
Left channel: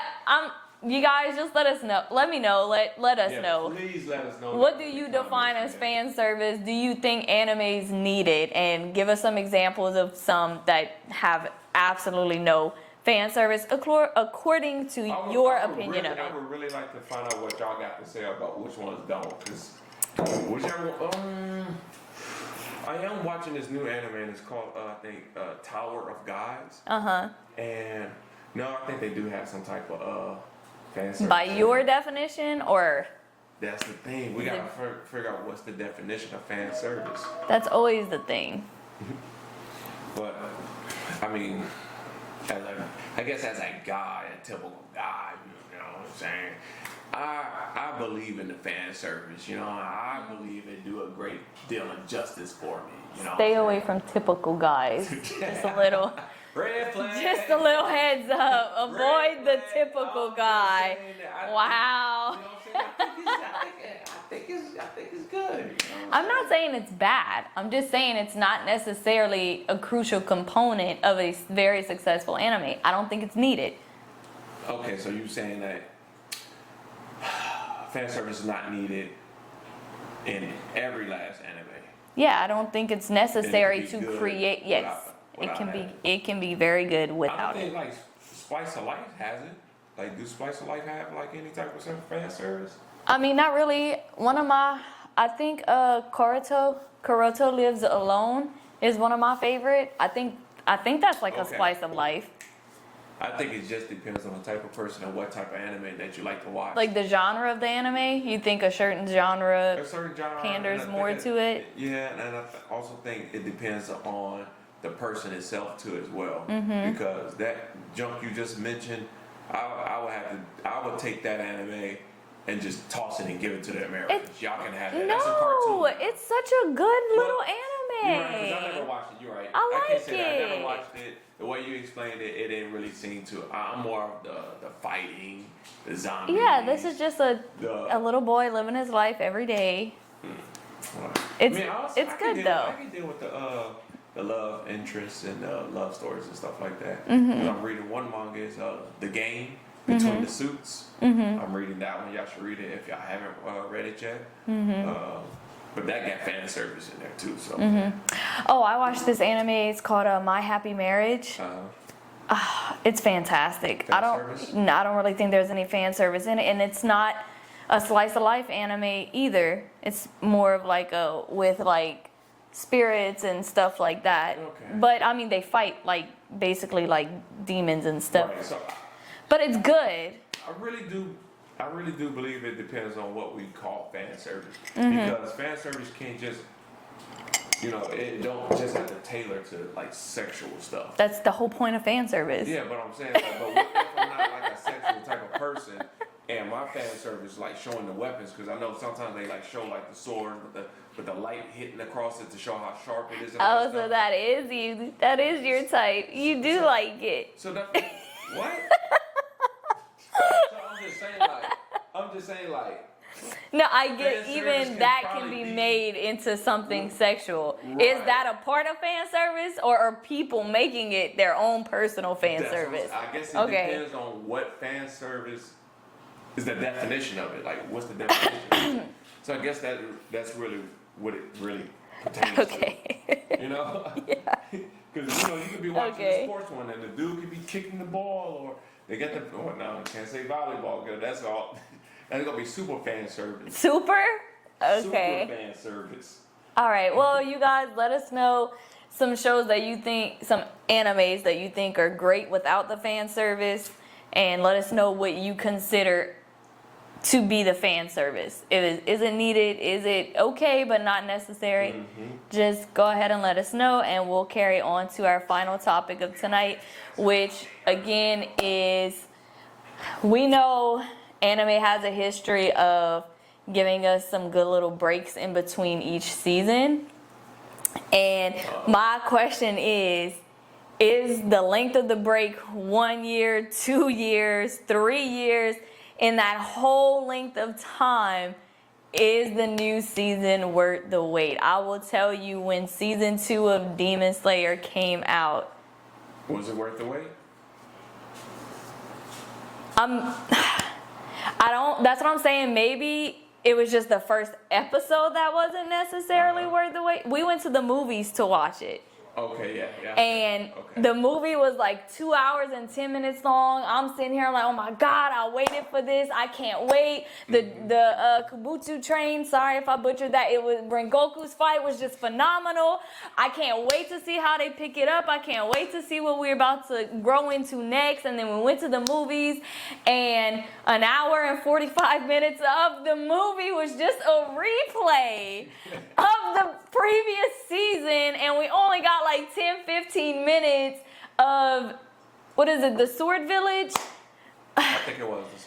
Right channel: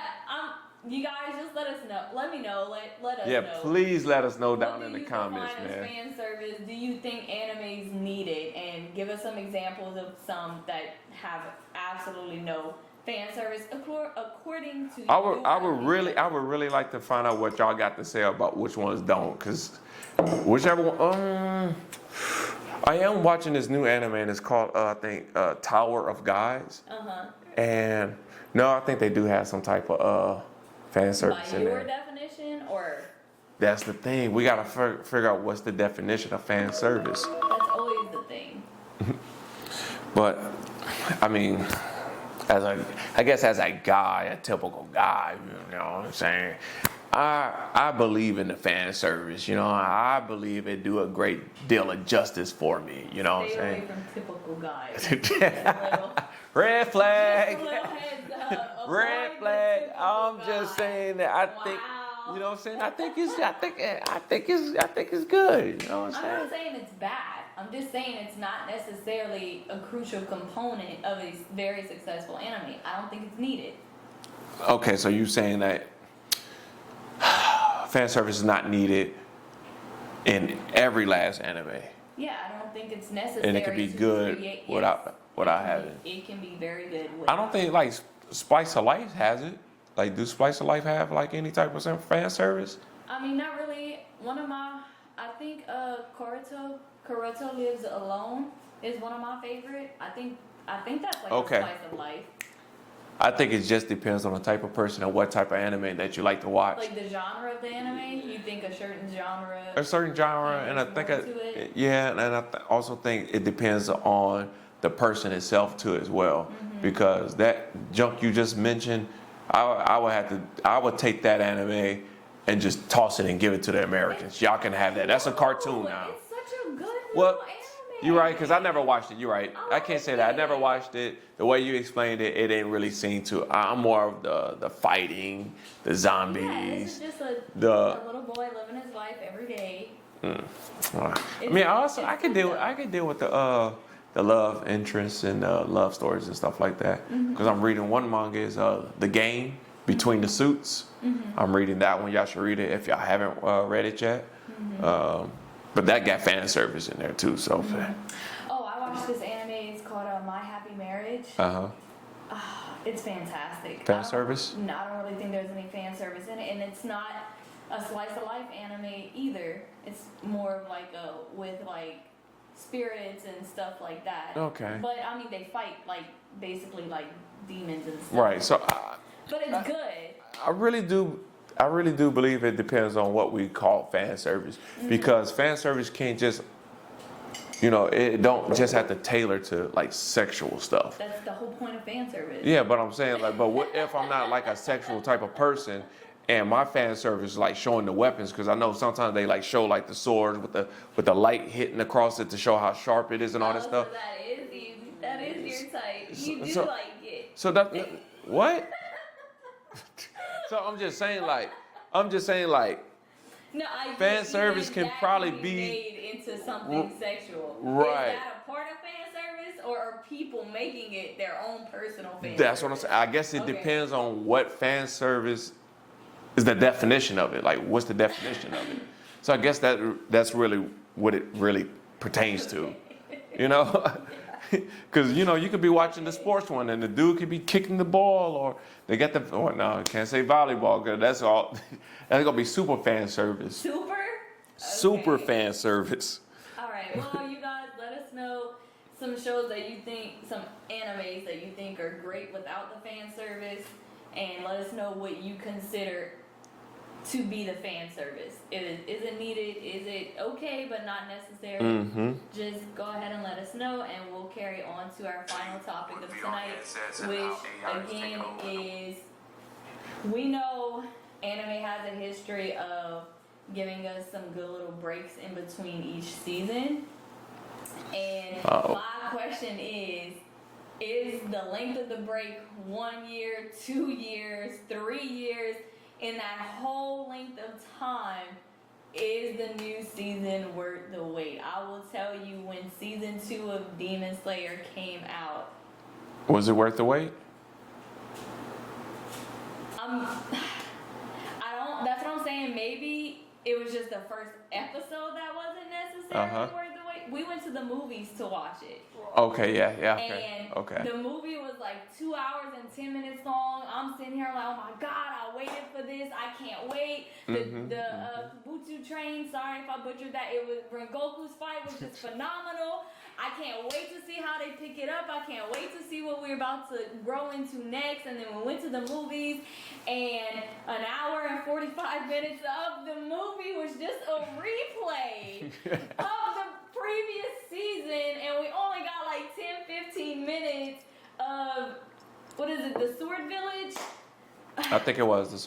you guys just let us know. Let me know. Let us know. Please let us know. What down do in the you comments, define as man. fan service? Do you think animes need it? And give us some examples of some that have absolutely no fan service according to your opinion. I would really like to find out what y'all got to say about which ones don't, because whichever one. I am watching this new anime and it's called I think Tower of Guys. And no, I think they do have some type of fan service. By in your there. definition, or That's the thing. We gotta figure out what's the definition of fan service. that's always the thing. But I mean, I guess as a guy, a typical guy, you know what I'm saying? I believe in the fan service, you know. I believe it do a great deal of justice for me, you know. Stay what I'm away saying? from typical guys. Just a little. Red flag. Just a little heads up. Avoid Red the flag. typical I'm guy. just saying that I Wow. think, you know what I'm saying? I think it's good. You know what I'm not saying it's bad. I'm just saying it's not necessarily a crucial component of a very successful anime. I don't think it's needed. Okay, so you're saying that fan service is not needed in every last anime. Yeah, I don't think it's necessary be to good create. Yes, without it can be very good without. I don't think like Spice of Life has it. Like, do Spice of Life have like any type of fan service? I mean, not really. I think Karuto Lives Alone is one of my favorite. I think that's like Okay. a slice of life. I think it just depends on the type of person and what type of anime that you like to watch. Like the genre of the anime, you think a certain genre. A certain genre, and I panders more think to it. Yeah, and I also think it depends on the person itself too as well, Mm-hmm. because that junk you just mentioned, I would take that anime and just toss it and give it to the Americans. Y'all can have that. That's a cartoon now. It's such a good little anime. You're right, because I never watched it. You're right. I can't like say that. I never it. watched it. The way you explained it, it ain't really seem to. I'm more of the fighting, the zombies. Yeah, this is just a little boy living his life every day. I It's- mean, also it's I can good, deal. though. I can deal with the love interests and love stories and stuff like that. Mm-hmm. Because I'm reading one manga is The Game. Between the Suits. I'm reading that one. Y'all should read it if y'all haven't read it yet. But that got fan service in there too. So. Oh, I watched this anime. It's called My Happy Marriage. It's fantastic. Fan service? No, I don't really think there's any fan service in it, and it's not a slice of life anime either. It's more of like with like spirits and stuff like that. Okay. But I mean, they fight like basically like demons and stuff. Right. So. But it's good. I really do believe it depends on what we call fan service, because fan service can't just, it don't just have to tailor to like sexual stuff. That's the whole point of fan service. Yeah, but I'm saying like, but what if I'm not like a sexual type of person, and my fan service is like showing the weapons, because I know sometimes they like show like the swords with the light hitting across it to show how sharp it is and all that stuff. So that is you. That is your type. You do like it. So that what? So I'm just saying like. No, I Fan get service even can that probably can be be- made into something sexual. Right. Is that a part of fan service, or are people making it their own personal fan That's service? what I'm saying. I guess it depends on what fan service is the definition of it. Like, what's the definition of it? So I guess that's really what it really pertains to. Because you could be watching the sports one, and the dude could be kicking the ball, or they got the. Oh no, I can't say volleyball, because that's all. That's gonna be super fan service. Super? Okay. Super fan service. All right. Well, you guys, let us know some shows that you think, some animes that you think are great without the fan service, and let us know what you consider to be the fan service. Is it needed? Is it okay but not necessary? Just go ahead and let us know, and we'll carry on to our final topic of tonight, which again is, we know anime has a history of giving us some good little breaks in between each season. And my question is the length of the break 1 year, 2 years, 3 years? In that whole length of time, is the new season worth the wait? I will tell you, when season 2 of Demon Slayer came out, Was it worth the wait? That's what I'm saying. Maybe it was just the first episode that wasn't necessarily worth the wait. We went to the movies to watch it. Okay, yeah. And the movie was like 2 hours and 10 minutes long. I'm sitting here like, oh my God, I waited for this. I can't wait. The Kabuto train, sorry if I butchered that. It was Rengoku's fight was just phenomenal. I can't wait to see how they pick it up. I can't wait to see what we're about to grow into next. And then we went to the movies, and an hour and 45 minutes of the movie was just a replay of the previous season, and we only got like 10-15 minutes of, what is it, the Sword Village? I think it was the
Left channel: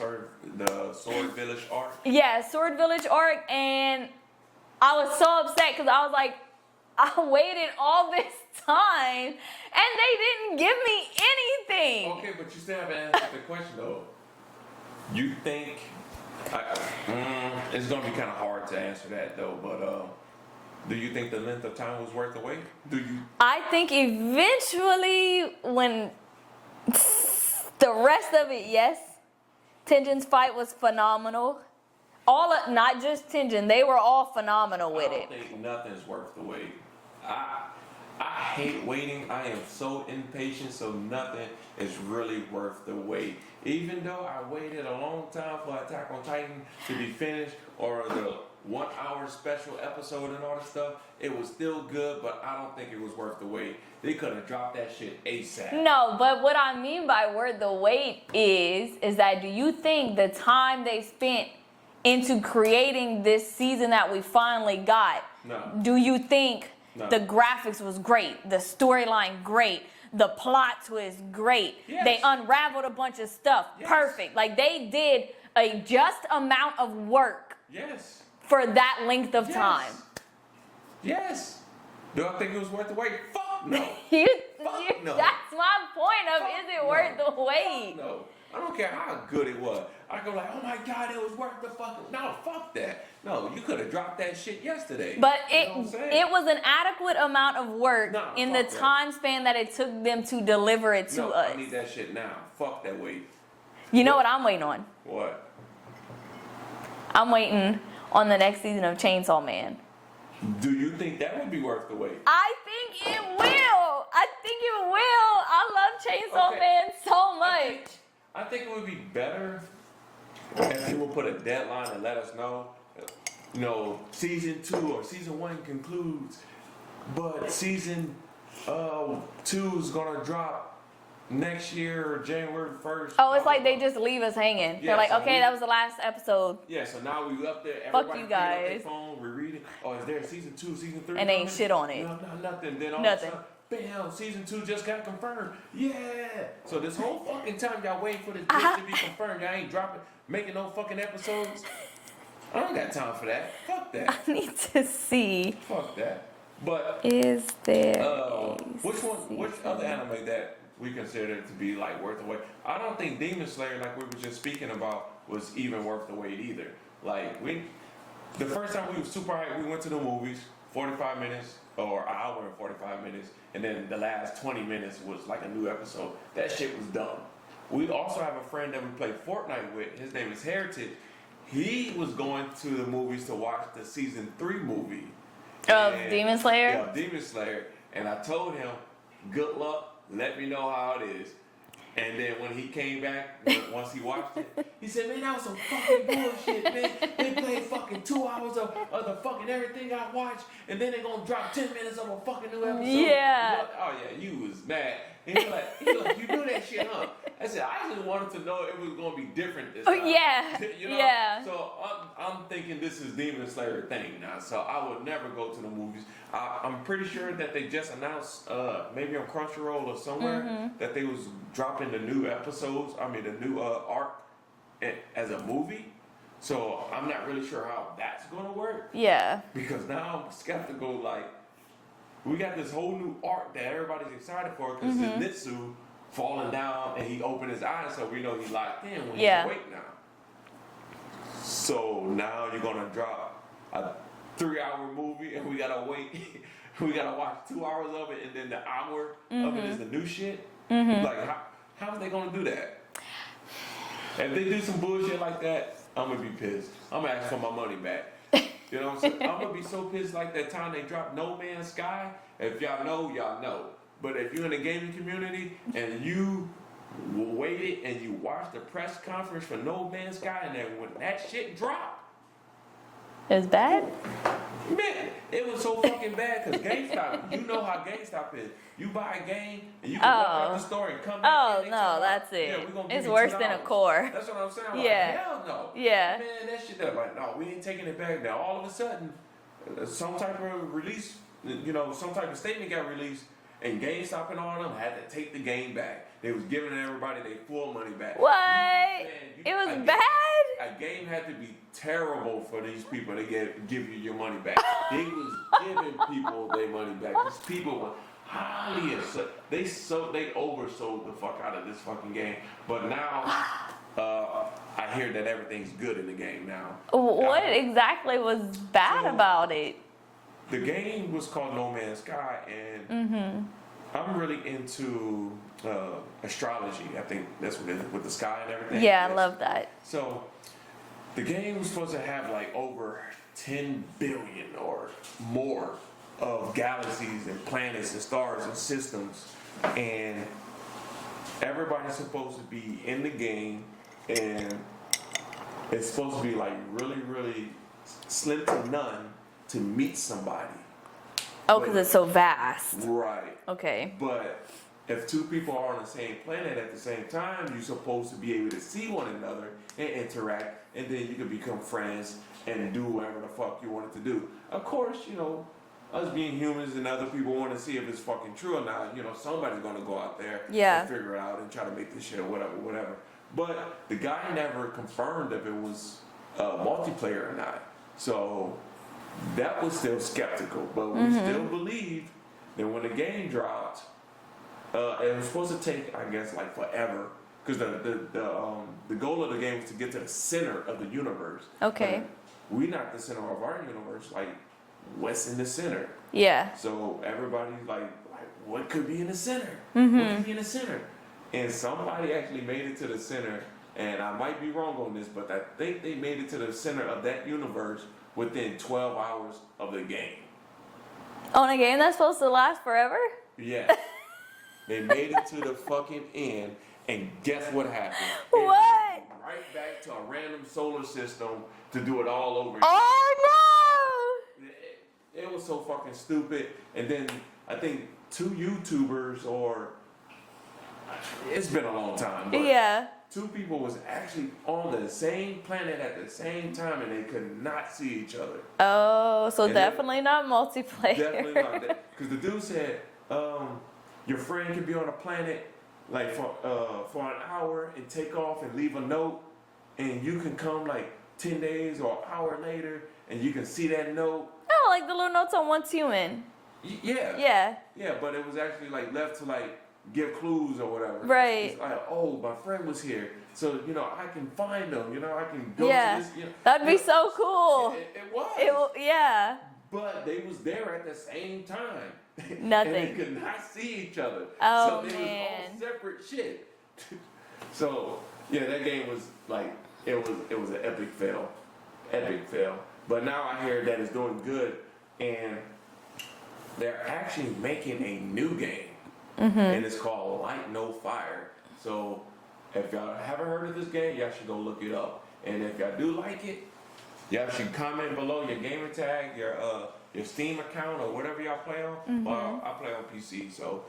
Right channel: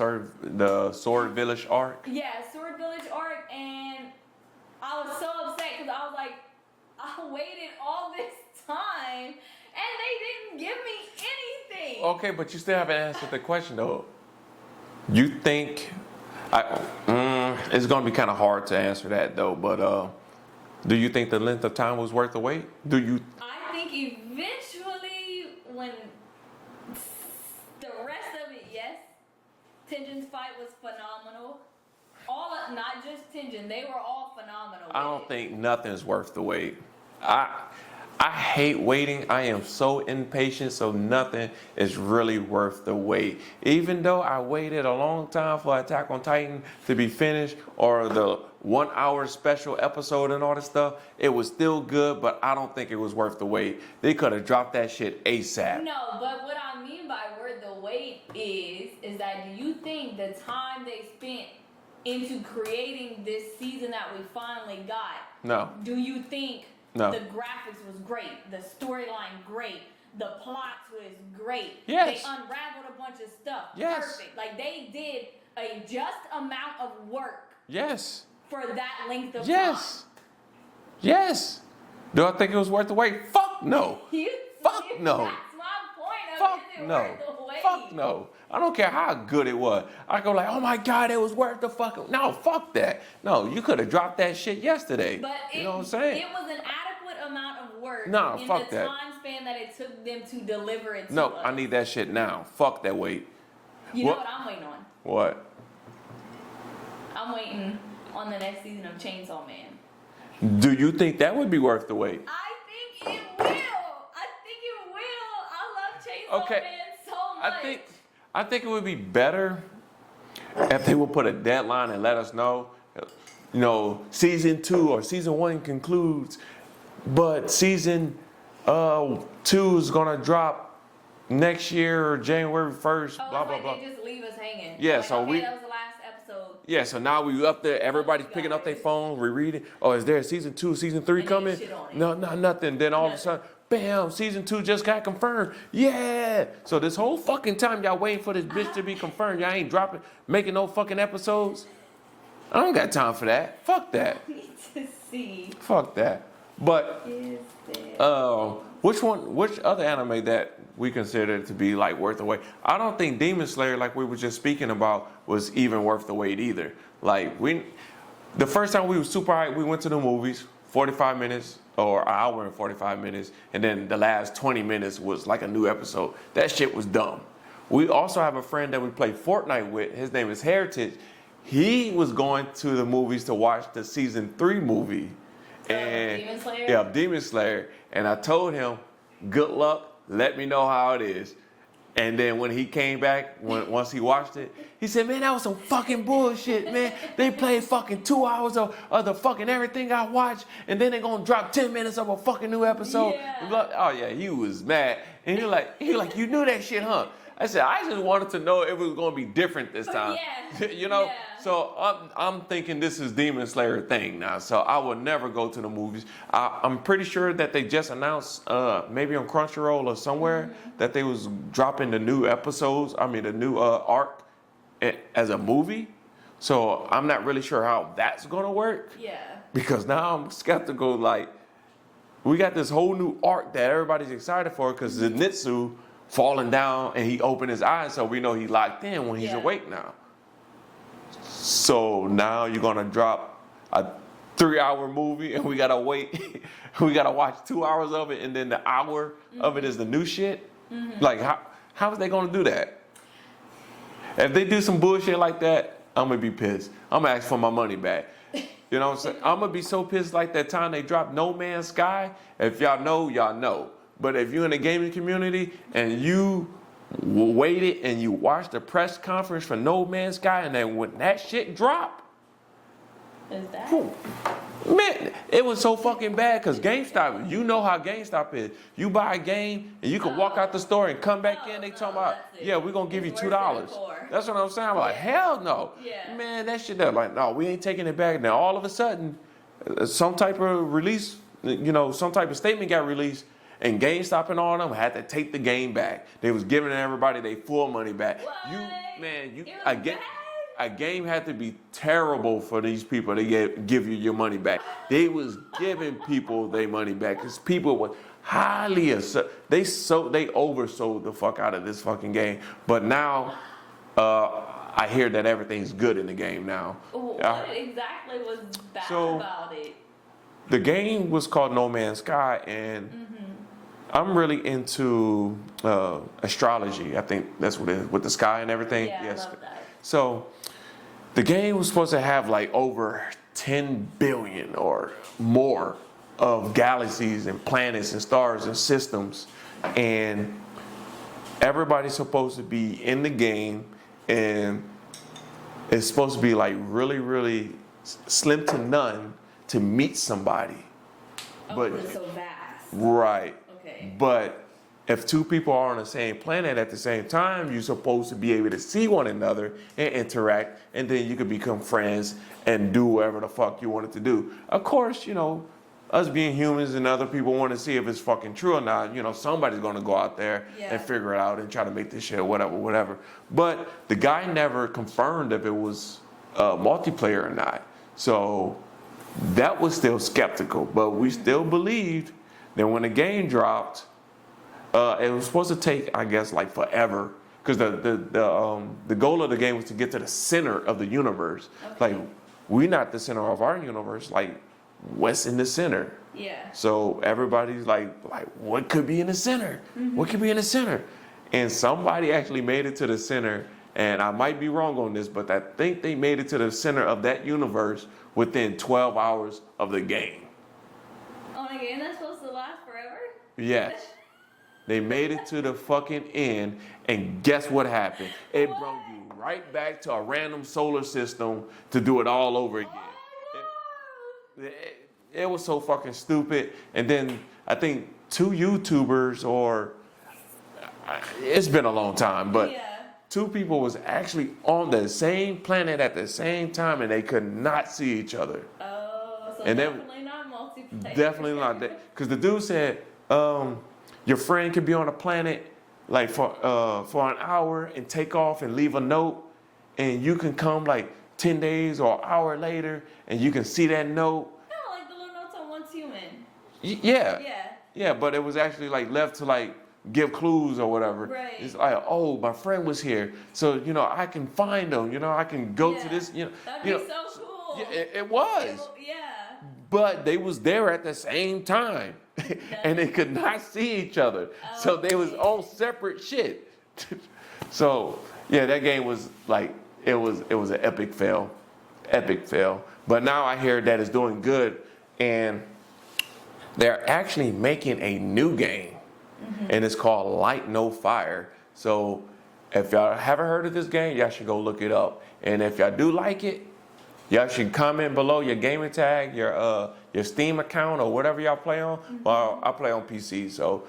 Sword Village arc. Yeah, Sword Village arc, and I was so upset because I was like, I waited all this time and they didn't give me anything. Okay, but you still haven't answered the question though. You think it's gonna be kind of hard to answer that though, but do you think the length of time was worth the wait? I think eventually, when the rest of it, yes. Tenjin's fight was phenomenal. Not just Tenjin, they were all phenomenal with it. I don't think nothing's worth the wait. I hate waiting. I am so impatient, so nothing is really worth the wait. Even though I waited a long time for Attack on Titan to be finished, or the 1 hour special episode and all this stuff, it was still good, but I don't think it was worth the wait. They could have dropped that shit ASAP. No, but what I mean by worth the wait is that, do you think the time they spent into creating this season that we finally got, No. do you think No. the graphics was great, the storyline great, the plot twist great, Yes. they unraveled a bunch of stuff, Yes. perfect, like they did a just amount of work Yes. for that length of time? Yes. Do I think it was worth the wait? Fuck no. Fuck no. That's my point of, Fuck is it no. worth the wait? Fuck no. I don't care how good it was. I go like, oh my God, it was worth the fucking. No, fuck that. No, you could have dropped that shit yesterday. But you know what I'm saying? it was an adequate amount of work in the fuck that. time span that it took them to deliver it to us. No, I need that shit now. Fuck that wait. You know what I'm waiting on? What? I'm waiting on the next season of Chainsaw Man. Do you think that would be worth the wait? I think it will. I think it will. I love Chainsaw Man so much. I think it would be better if they would put a deadline and let us know, you know, season 2 or season 1 concludes, but season 2 is gonna drop next year or January 1st. Oh, it's like they just leave us hanging. Yeah, They're like, so okay, that was the last episode. Yeah, so now we up there, everybody's picking up their guys. phone, rereading. Oh, is there a season 2, season 3 And coming? ain't shit on it. No, nothing. Then all of a sudden, bam, season 2 just got confirmed. Yeah. So this whole fucking time y'all waiting for this bitch to be confirmed, y'all ain't making no fucking episodes. I don't got time for that. Fuck that. I need to see. Fuck that. But Is there? which other anime that we consider to be like worth the wait? I don't think Demon Slayer, like we were just speaking about, was even worth the wait either. Like the first time we were super hyped, we went to the movies, 45 minutes or an hour and 45 minutes, and then the last 20 minutes was like a new episode. That shit was dumb. We also have a friend that we play Fortnite with. His name is Heritage. He was going to the movies to watch the season 3 movie. Demon Slayer? Yeah, Demon Slayer. And I told him, good luck, let me know how it is. And then when he came back, once he watched it, he said, man, that was some fucking bullshit, man. They played fucking 2 hours of the fucking everything I watched, and then they're gonna drop 10 minutes of a fucking new episode. Yeah. Oh yeah, he was mad. And he like, you knew that shit, huh? I said, I just wanted to know if it was going to be different this time. Yeah. You know? Yeah. So I'm thinking this is Demon Slayer thing now. So I will never go to the movies. I'm pretty sure that they just announced, maybe on Crunchyroll or somewhere, that they was dropping the new episodes, the new arc as a movie. So I'm not really sure how that's going to work. Yeah. Because now I'm skeptical, like, we got this whole new arc that everybody's excited for because Zenitsu falling down and he opened his eyes, so we know he's locked in when he's awake now. So now you're gonna drop a 3-hour movie and we gotta wait. We gotta watch 2 hours of it and then the hour of it is the new shit. Like how is they gonna do that? If they do some bullshit like that, I'm gonna be pissed. I'm gonna ask for my money back. You know what I'm saying? I'm gonna be so pissed like that time they dropped No Man's Sky. If y'all know, y'all know. But if you're in the gaming community and you waited and you watched the press conference for No Man's Sky, and then when that shit dropped, Is bad? man, it was so fucking bad because GameStop, you know how GameStop is. You buy a game and you can walk out the store and come back in. They talk about, that's it. yeah, we're gonna give It's you $2. worse than a core. That's what I'm saying. I'm like, hell no. Yeah. Man, that shit, they're like, no, we ain't taking it back. Now all of a sudden, some type of release, some type of statement got released. And GameStop and all of them had to take the game back. They was giving everybody their full money back. What? It was bad? A game had to be terrible for these people to give you your money back. They was giving people their money back because people were highly they oversold the fuck out of this fucking game. But now I hear that everything's good in the game now. What exactly was bad about it? The game was called No Man's Sky, and I'm really into astrology. I think that's what it is, with the sky and everything. Yeah, yes. I love that. So the game was supposed to have like over 10 billion or more of galaxies and planets and stars and systems, and everybody's supposed to be in the game, and it's supposed to be like really, really slim to none to meet somebody. Oh, because it's so vast. Right. Okay. But if two people are on the same planet at the same time, you're supposed to be able to see one another and interact, and then you could become friends and do whatever the fuck you wanted to do. Of course, us being humans and other people want to see if it's fucking true or not. Somebody's going to go out there and figure it out and try to make this shit whatever. But the guy never confirmed if it was multiplayer or not. So that was still skeptical, but we still believed that when the game dropped, it was supposed to take, I guess, like forever, because the goal of the game was to get to the center of the universe. Okay. Like, we're not the center of our universe. Like, what's in the center? Yeah. So everybody's like, what could be in the center? What could be in the center? And somebody actually made it to the center, and I might be wrong on this, but I think they made it to the center of that universe within 12 hours of the game. On a game that's supposed to last forever? Yes. They made it to the fucking end, and guess what happened? It What? brought you right back to a random solar system to do it all over again. Oh no! It was so fucking stupid. And then I think 2 YouTubers, or it's been a long time, but Yeah. 2 people was actually on the same planet at the same time, and they could not see each other. Oh, so And definitely not multiplayer. Definitely not that. Because the dude said, your friend could be on a planet like for an hour and take off and leave a note, and you can come like 10 days or an hour later, and you can see that note. Oh, like the little notes on Once Human. Yeah. Yeah. Yeah, but it was actually like left to like give clues or whatever. Right. It's like, oh, my friend was here, so I can find him. I can go to this. That'd be so cool. It was. Yeah. But they was there at the same time. And they could not see each other. Oh, so they was on man. separate shit. So yeah, that game was like it was an epic fail. Epic fail. But now I hear that it's doing good, and they're actually making a new game. And it's called Light No Fire. So if y'all haven't heard of this game, y'all should go look it up. And if y'all do like it, y'all should comment below your gamer tag, your Steam account, or whatever y'all play on. Well, I play on PC, so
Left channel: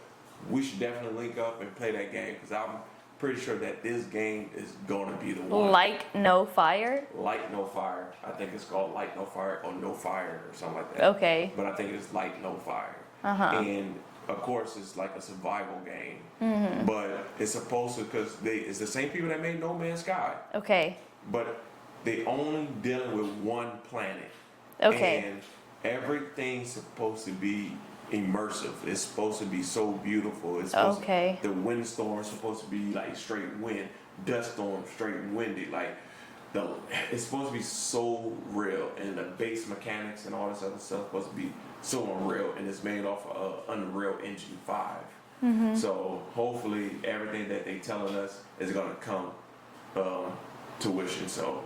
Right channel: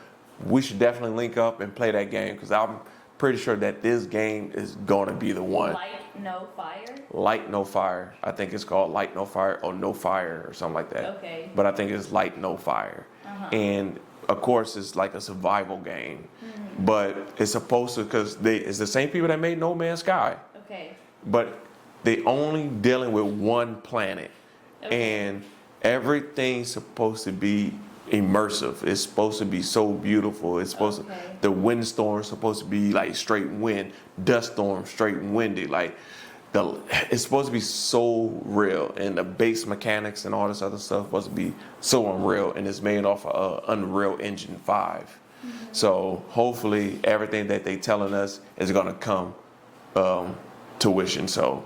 we should definitely link up and play that game, because I'm pretty sure that this game is going to be the one. Light No Fire? Light No Fire. I think it's called Light No Fire or No Fire or something like that. Okay. But I think it's Light No Fire. And of course, it's like a survival game. But it's supposed to, because it's the same people that made No Man's Sky. Okay. But they only dealing with one planet. Okay. And everything's supposed to be immersive. It's supposed to be so beautiful. It's supposed Okay. to, the windstorm's supposed to be like straight wind, dust storm straight windy. Like it's supposed to be so real, and the base mechanics and all this other stuff supposed to be so unreal, and it's made off of Unreal Engine 5. So hopefully everything that they telling us is gonna come to fruition. So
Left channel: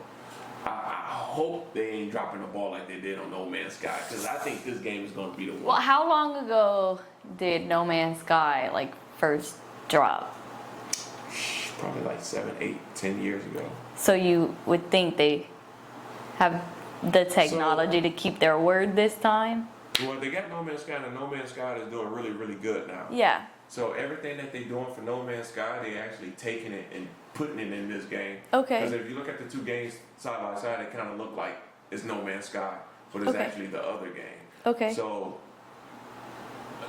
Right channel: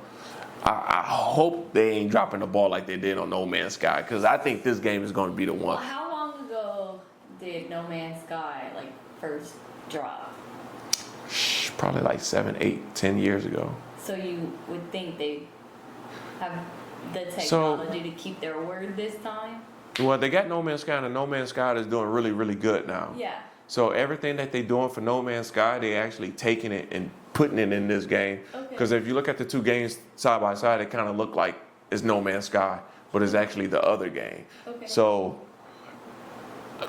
I hope they ain't dropping the ball like they did on No Man's Sky, because I think this game is going to be the Well, one. how long ago did No Man's Sky first drop? Probably like 7, 8, 10 years ago. So you would think they have the technology to keep their word this time? Well, they got No Man's Sky, and No Man's Sky is doing really, really good now. Yeah. So everything that they're doing for No Man's Sky, they actually taking it and putting it in this game. Okay. Because if you look at the 2 games side by side, they kind of look like it's No Man's Sky, but it's actually the other game. Okay. So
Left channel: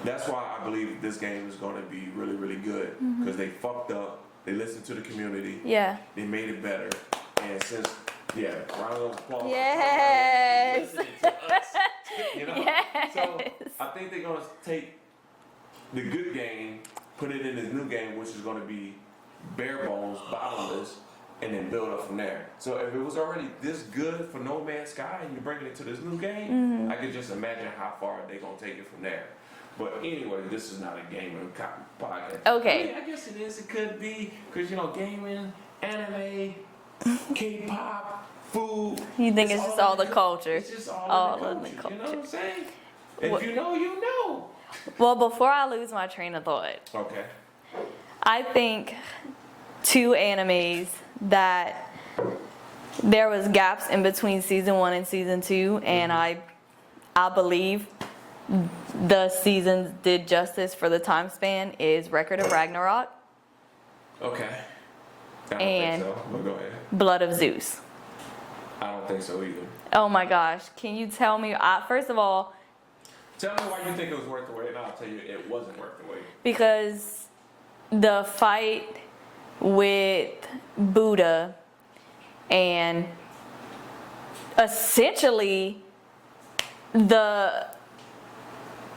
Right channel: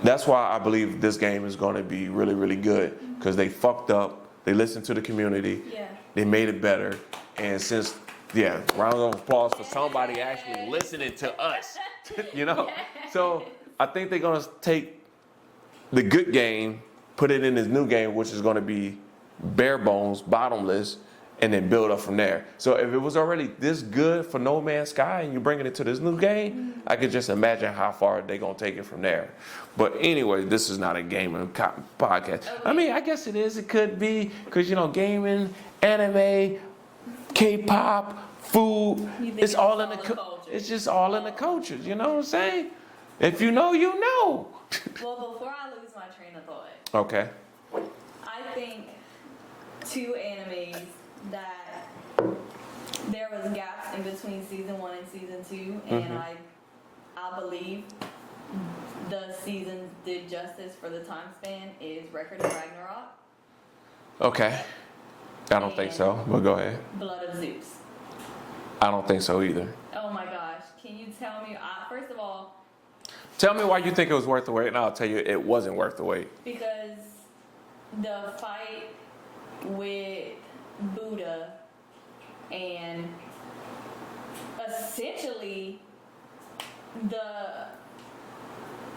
that's why I believe this game is going to be really, really good, because they fucked up. They listened to the community. Yeah. They made it better. And since, round of applause for somebody actually listening to us. Yes. So I think they're going to take the good game, put it in this new game, which is going to be bare bones, bottomless, and then build up from there. So if it was already this good for No Man's Sky and you're bringing it to this new game, I could just imagine how far they're going to take it from there. But anyway, this is not a gaming podcast. Okay. I mean, I guess it is. It could be, because, gaming, anime, K-pop, food. You think it's just all the culture? culture? It's just all in the culture. You know what I'm saying? If you know, you know. Well, before I lose my train of thought, Okay. I think 2 animes that there was gaps in between season 1 and season 2, and I believe the seasons did justice for the time span is Record of Ragnarok, Okay. I don't think And- so, but go ahead. Blood of Zeus. I don't think so either. Oh my gosh, can you tell me, first of all, Tell me why you think it was worth the wait, and I'll tell you it wasn't worth the wait. because the fight with Buddha and essentially the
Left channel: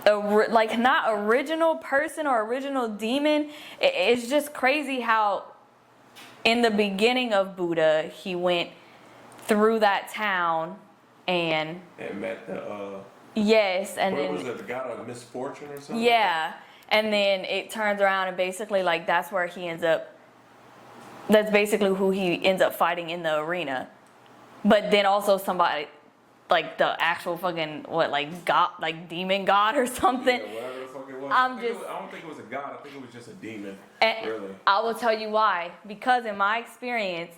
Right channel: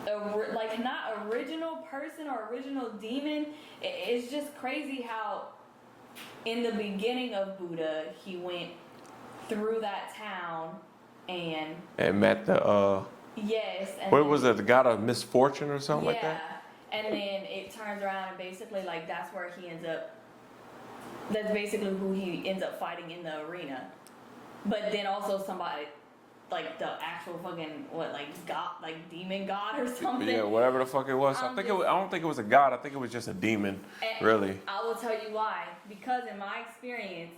not original person or original demon, it's just crazy how in the beginning of Buddha he went through that town and met the yes, and what then, was it, the god of misfortune or something like yeah, and then it turns around and basically that's where he ends up That's basically who he ends up fighting in the arena. But then also somebody, like the actual fucking, God, like demon god or something. Yeah, whatever the fuck it was. I don't think it was a god. I think it was just a demon, really. I will tell you why. Because in my experience,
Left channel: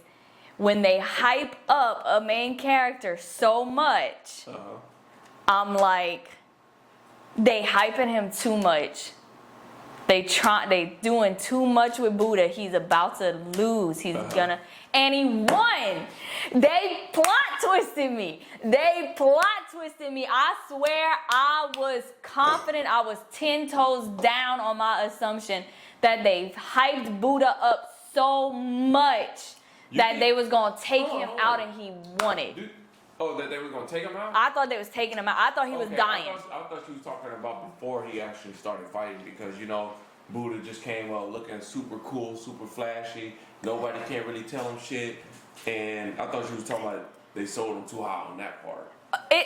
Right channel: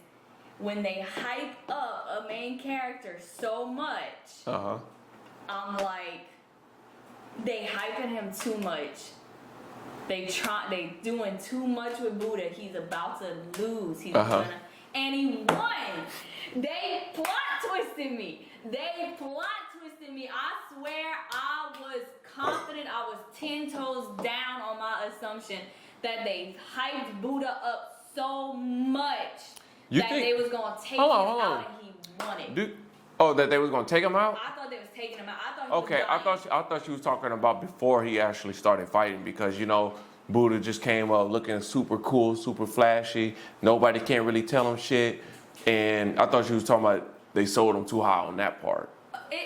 when they hype up a main character so much, I'm like, they hyping him too much. They doing too much with Buddha. He's about to lose. He's gonna, and he won. They plot twisted me. I swear I was confident. I was 10 toes down on my assumption that they hyped Buddha up so much they was gonna take him out and he won it. That they was gonna take him out? I thought they was taking him out. I thought he was dying. I thought she was talking about before he actually started fighting, because Buddha just came up looking super cool, super flashy. Nobody can't really tell him shit. And I thought she was talking about they sold him too high on that part.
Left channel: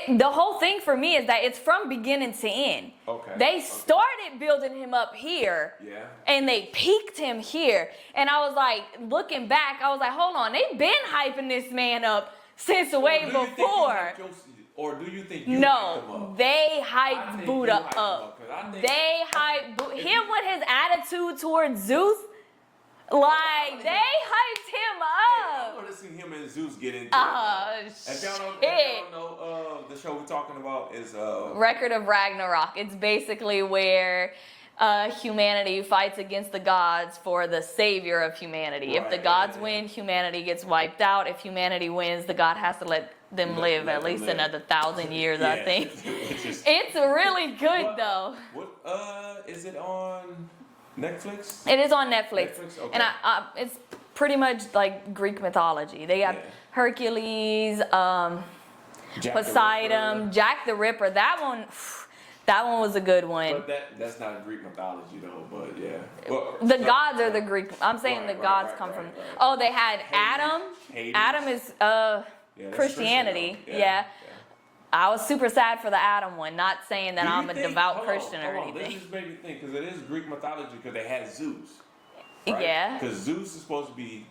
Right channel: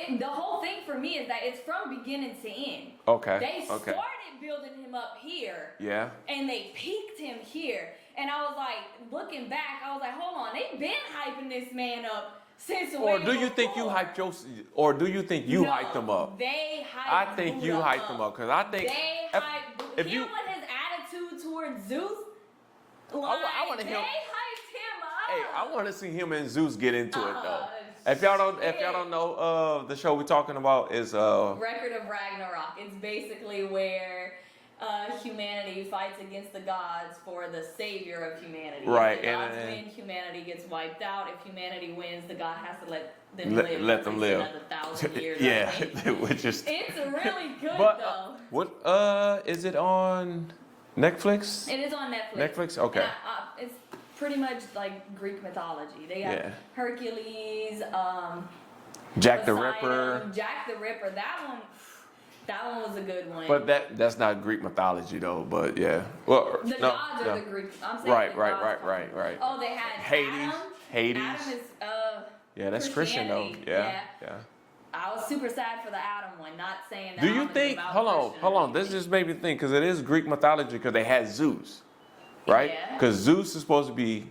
The whole thing for me is that it's from beginning to end. Okay. They started building him up here. Yeah. And they peaked him here. And I was like, looking back, I was like, hold on, they've been hyping this man up since way before. Or do you think you hyped hyped him up? They hyped Buddha up. I think you hyped him up, because I think they hyped Buddha. Him with his attitude towards Zeus, they hyped him up. Hey, I want to see him and Zeus get into it though. If y'all don't know, the show we're talking about is Record of Ragnarok. It's basically where humanity fights against the gods for the savior of humanity. Right, if the gods win, humanity gets wiped out. If humanity wins, the god has to let them live at least another 1,000 years, I think. It's really good though. What is it on Netflix? It is on Netflix. Netflix, okay. And it's pretty much like Greek mythology. They got Hercules, Poseidon, Jack the Ripper. That one was a good one. But that's not Greek mythology though. But yeah, well, gods are the Greek. I'm saying the gods come from. Right. Oh, they had Adam. Hades. Adam is that's Christianity. Christian, yeah. I was super sad for the Adam one. Not saying that I'm a devout Christian. Hold on. This just made me think, because it is Greek mythology, because they had Zeus, right? Yeah. Because Zeus is supposed to be,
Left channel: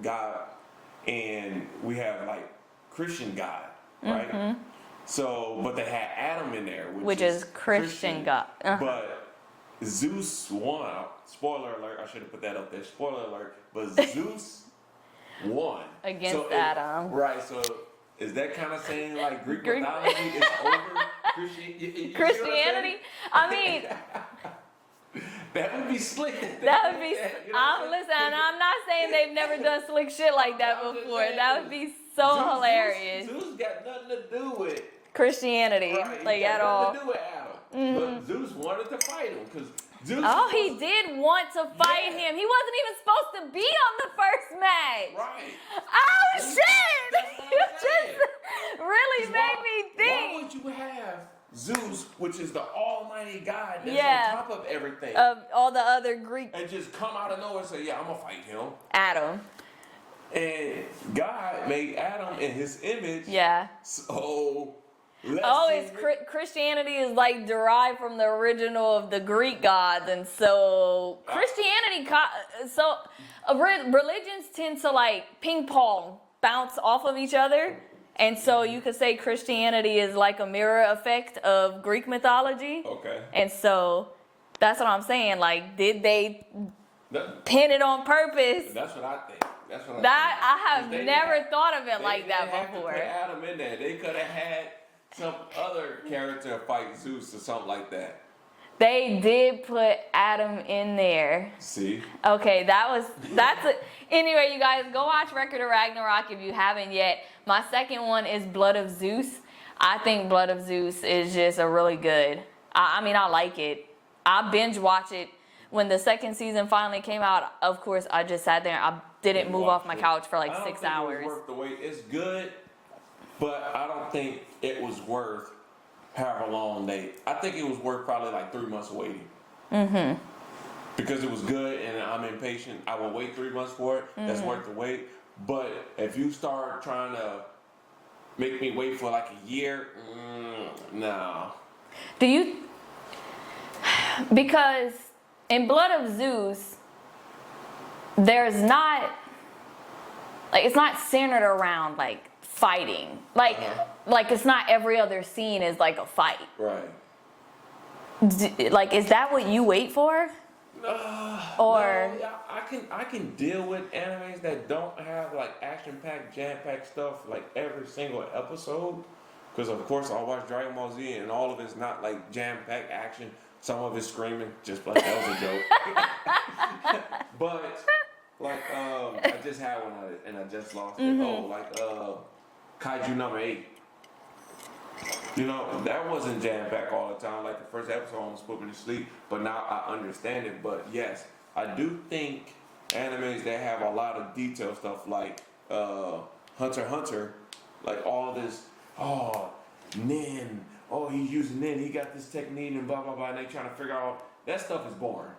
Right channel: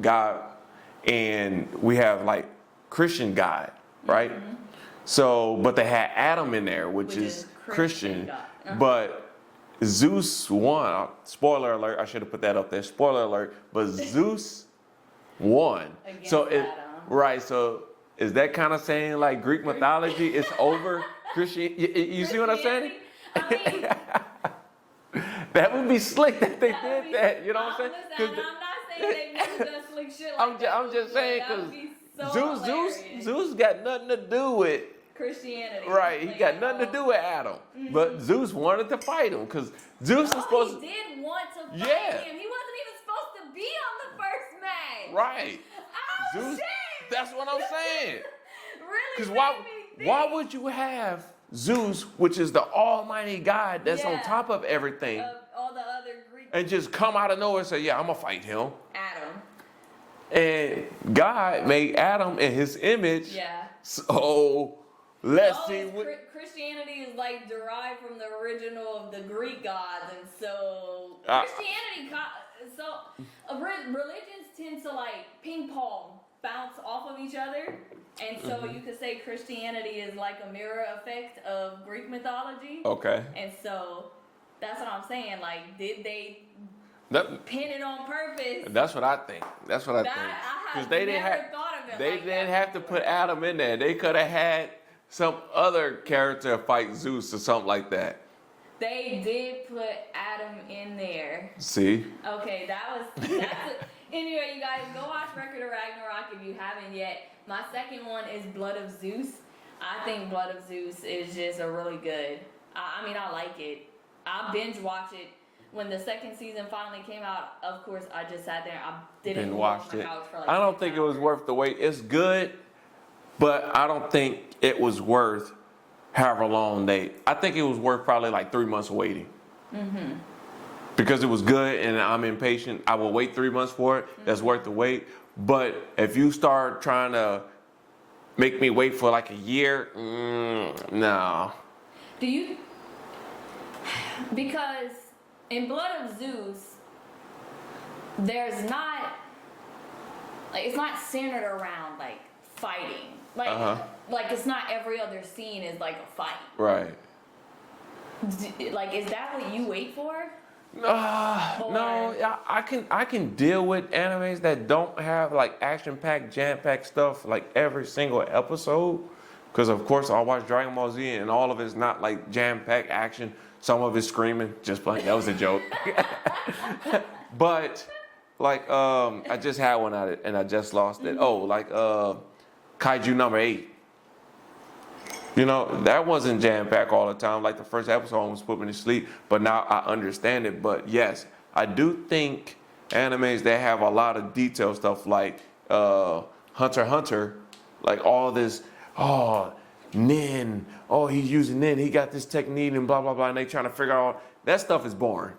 God, and we have like Christian God, right? Mm-hmm. So, but they had Adam in there, which is Christian God. But Zeus won. Spoiler alert! I should have put that up there. Spoiler alert! But Zeus won against Adam. Right. So. Is that kind of saying like Greek mythology is over Christianity? You see what I'm saying? I mean, that would be slick. That would be. You know what I'm saying? Listen, I'm not saying they've never done slick shit like that I'm before. Just saying, that would be so hilarious. Zeus got nothing to do with Christianity. Right, he got nothing to do with Adam. Mm-hmm. But Zeus wanted to fight him because Zeus. He did want to fight him. He wasn't even supposed to be on the first match. Right. Oh Zeus, shit! That's what I'm saying. Really made me think. Why would you have Zeus, which is the almighty God that's on top of everything, of all the other Greek, and just come out of nowhere and say, "Yeah, I'm gonna fight him." Adam. And God made Adam in His image. Yeah. So. Christianity is like derived from the original of the Greek gods, and so Christianity, religions tend to like ping pong, bounce off of each other, and so you could say Christianity is like a mirror effect of Greek mythology. Okay. And so that's what I'm saying. Like, did they pin it on purpose? That's what I think. I have never thought of it like that. They didn't have to put Adam in there. They could have had some other character fight Zeus or something like that. They did put Adam in there. See? Okay, anyway, you guys, go watch Record of Ragnarok if you haven't yet. My second one is Blood of Zeus. I think Blood of Zeus is just a really good. I like it. I binge watch it. When the second season finally came out, of course, I just sat there. I didn't move off my couch for like 6 hours. I don't think it was worth the wait. It's good, but I don't think it was worth however long I think it was worth probably like 3 months of waiting. Mm-hmm. Because it was good and I'm impatient. I will wait 3 months for it. Mm-hmm. That's worth the wait. But if you start trying to make me wait for like a year, no. Because in Blood of Zeus, there's not like it's not centered around like fighting. Like like it's not every other scene is like a fight. Right. Like, is that what you wait for? No, I can deal with animes that don't have like action-packed, jam-packed stuff like every single episode. Because of course I watch Dragon Ball Z and all of it's not like jam-packed action. Some of it's screaming. Just like that was a joke. But like I just had one at it and I just lost it. Oh, like Kaiju number 8. You know, that wasn't jam-packed all the time. Like the first episode almost put me to sleep, but now I understand it. But yes, I do think animes that have a lot of detail stuff like Hunter x Hunter, like all this, Nin, he's using Nin, he got this technique and blah, blah, blah, and they trying to figure out, that stuff is boring.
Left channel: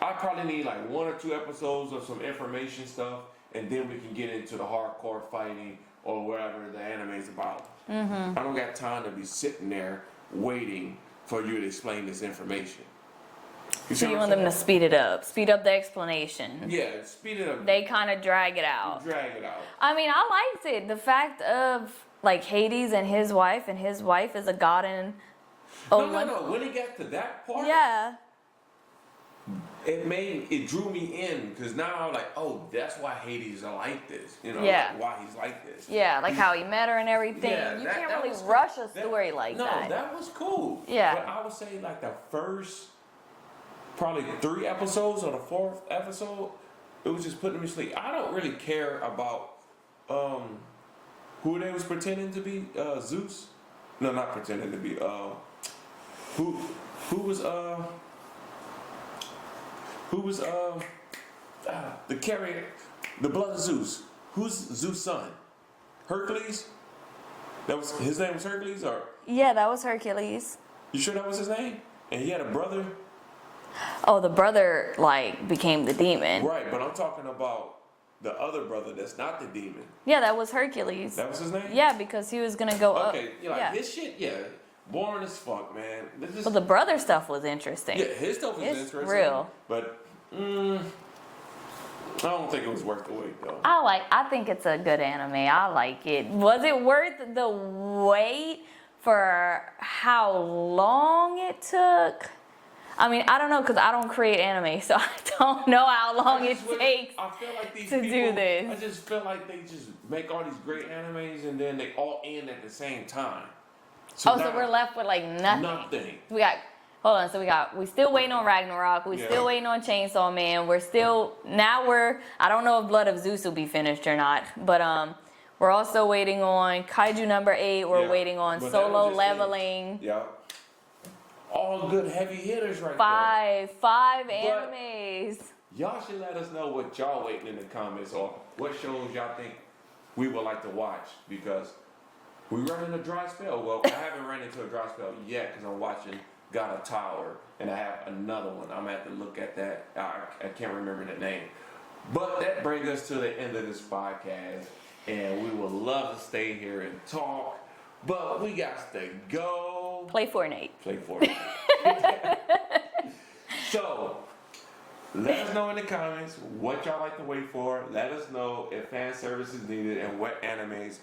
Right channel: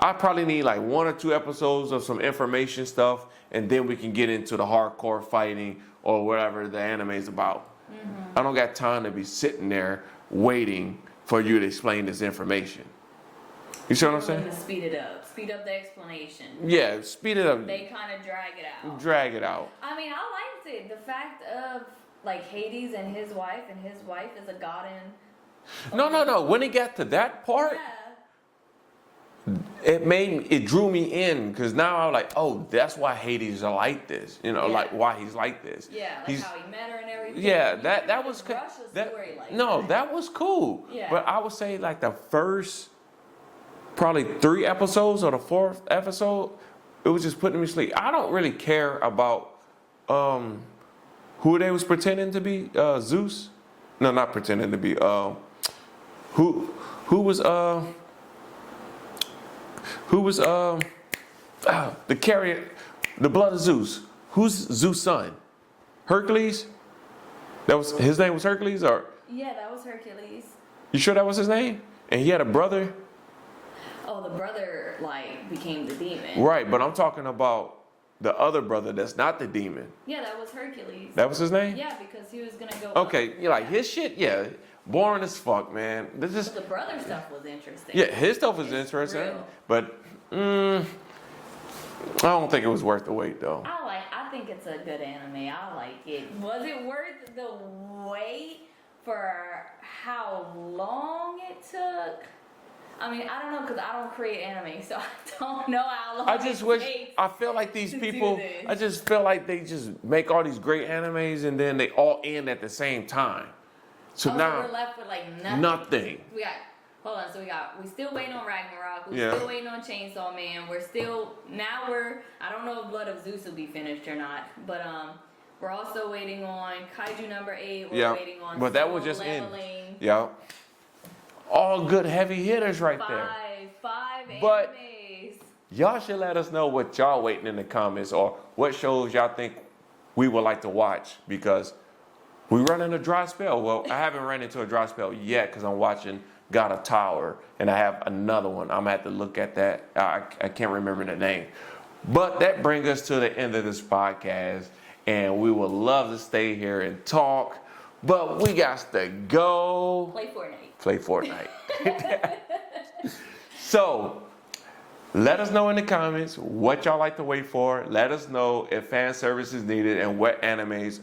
I probably need like 1 or 2 episodes of some information stuff, and then we can get into the hardcore fighting or whatever the anime is about. I don't got time to be sitting there waiting for you to explain this information. You see what I'm want saying? them to speed up the explanation. Yeah, speed it up. They kind of drag it out. I mean, I liked it. The fact of like Hades and his wife is a god in. No. When it got to that part, Yeah. it drew me in because now I'm like, oh, that's why Hades is like this. You know, Yeah. like why he's like this. Yeah, like He's- how he met her and everything. Yeah, You that can't really was rush a that- story like no, that. that was cool. Yeah. But I would say like the first probably 3 episodes or the 4th episode, it was just putting me to sleep. I don't really care about who they was pretending to be. Zeus? No, not pretending to be. Who was the carrier, the blood of Zeus? Who's Zeus' son? Hercules? That was his name was Hercules, or Yeah, that was Hercules. you sure that was his name? And he had a brother? Oh, the brother like became the demon. Right, but I'm talking about the other brother that's not the demon. Yeah, that was Hercules. That was his name? Yeah, because he was gonna go up. Okay, you like Yeah. his shit, yeah. Boring as fuck, man. This is, Well, the brother stuff was interesting. yeah, his stuff was It's interesting. real. But I don't think it was worth the wait though. I think it's a good anime. I like it. Was it worth the wait for how long it took? I mean, I don't know because I don't create anime, so I don't know how long it takes. I feel like these to do people. this. I just feel like they just make all these great animes and then they all end at the same time. So So we're left with like nothing. nothing. We still waiting on Ragnarok. We still waiting on Chainsaw Man. I don't know if Blood of Zeus will be finished or not, but we're also waiting on Kaiju number 8. We're waiting on But that was Solo just Leveling. Yeah. All good heavy hitters right there. Five But- animes. Y'all should let us know what y'all waiting in the comments or what shows y'all think we would like to watch because we running a dry spell. Well, I haven't run into a dry spell yet because I'm watching God of Tower and I have another one. I'm gonna have to look at that. I can't remember the name. But that brings us to the end of this podcast and we would love to stay here and talk, but we got to go. Play Fortnite. Play Fortnite. So, let us know in the comments what y'all like to wait for. Let us know if fan service is needed and what animes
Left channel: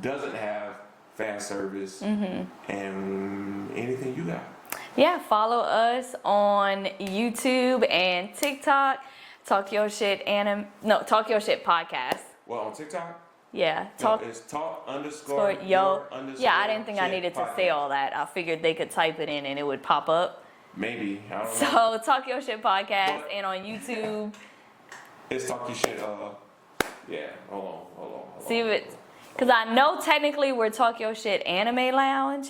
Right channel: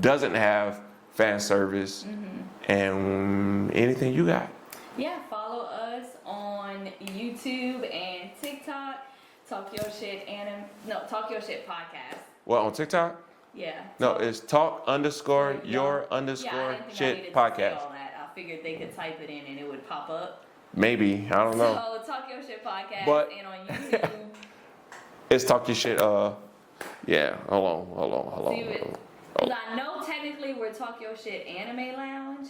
doesn't have fan service and anything you got. Yeah, follow us on YouTube and TikTok. Talk Your Shit podcast. What, on TikTok? Yeah. No, it's talk_your_. Yeah, I didn't think I shit needed podcast. to say all that. I figured they could type it in and it would pop up. Maybe, I don't know. So Talk Your Shit podcast But- and on YouTube. It's Talk Your Shit, yeah, hold on. See it. Because I know technically we're Talk Your Shit Anime Lounge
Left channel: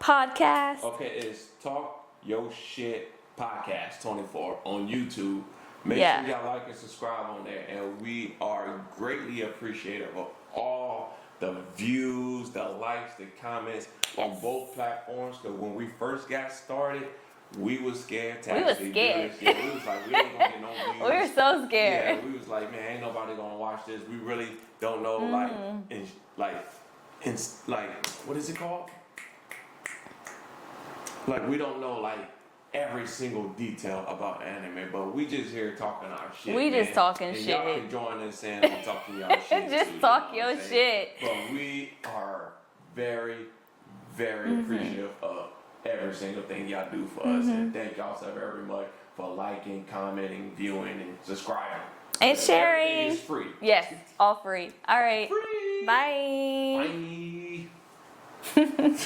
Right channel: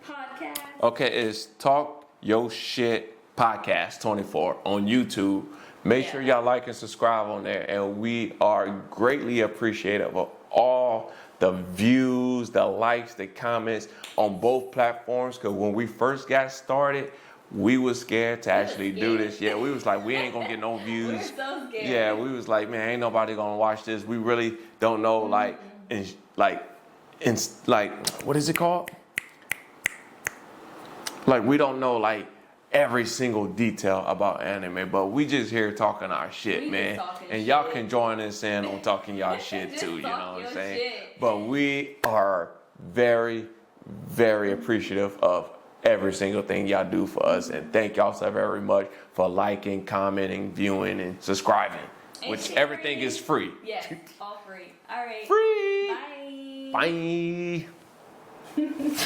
podcast. Okay, it's Talk Your Shit Podcast 24 on YouTube. Make sure y'all like and subscribe on there, and we are greatly appreciative of all the views, the likes, the comments on both platforms. Because when we first got started, we was scared to actually do this. Yeah, we was like, we ain't gonna get no views. We were so scared. Yeah, we was like, man, ain't nobody gonna watch this. We really don't know, like, what is it called? Like, we don't know, like, every single detail about anime, but we just here talking our shit, We man. just talking and shit. y'all can join us in on talking y'all shit Just too. You talk know what I'm your saying? shit. But we are very, very appreciative of every single thing y'all do for us, and thank y'all so very much for liking, commenting, viewing, and subscribing. And Which sharing. everything is free. Yes, all free. All right. Free. Bye. Bye.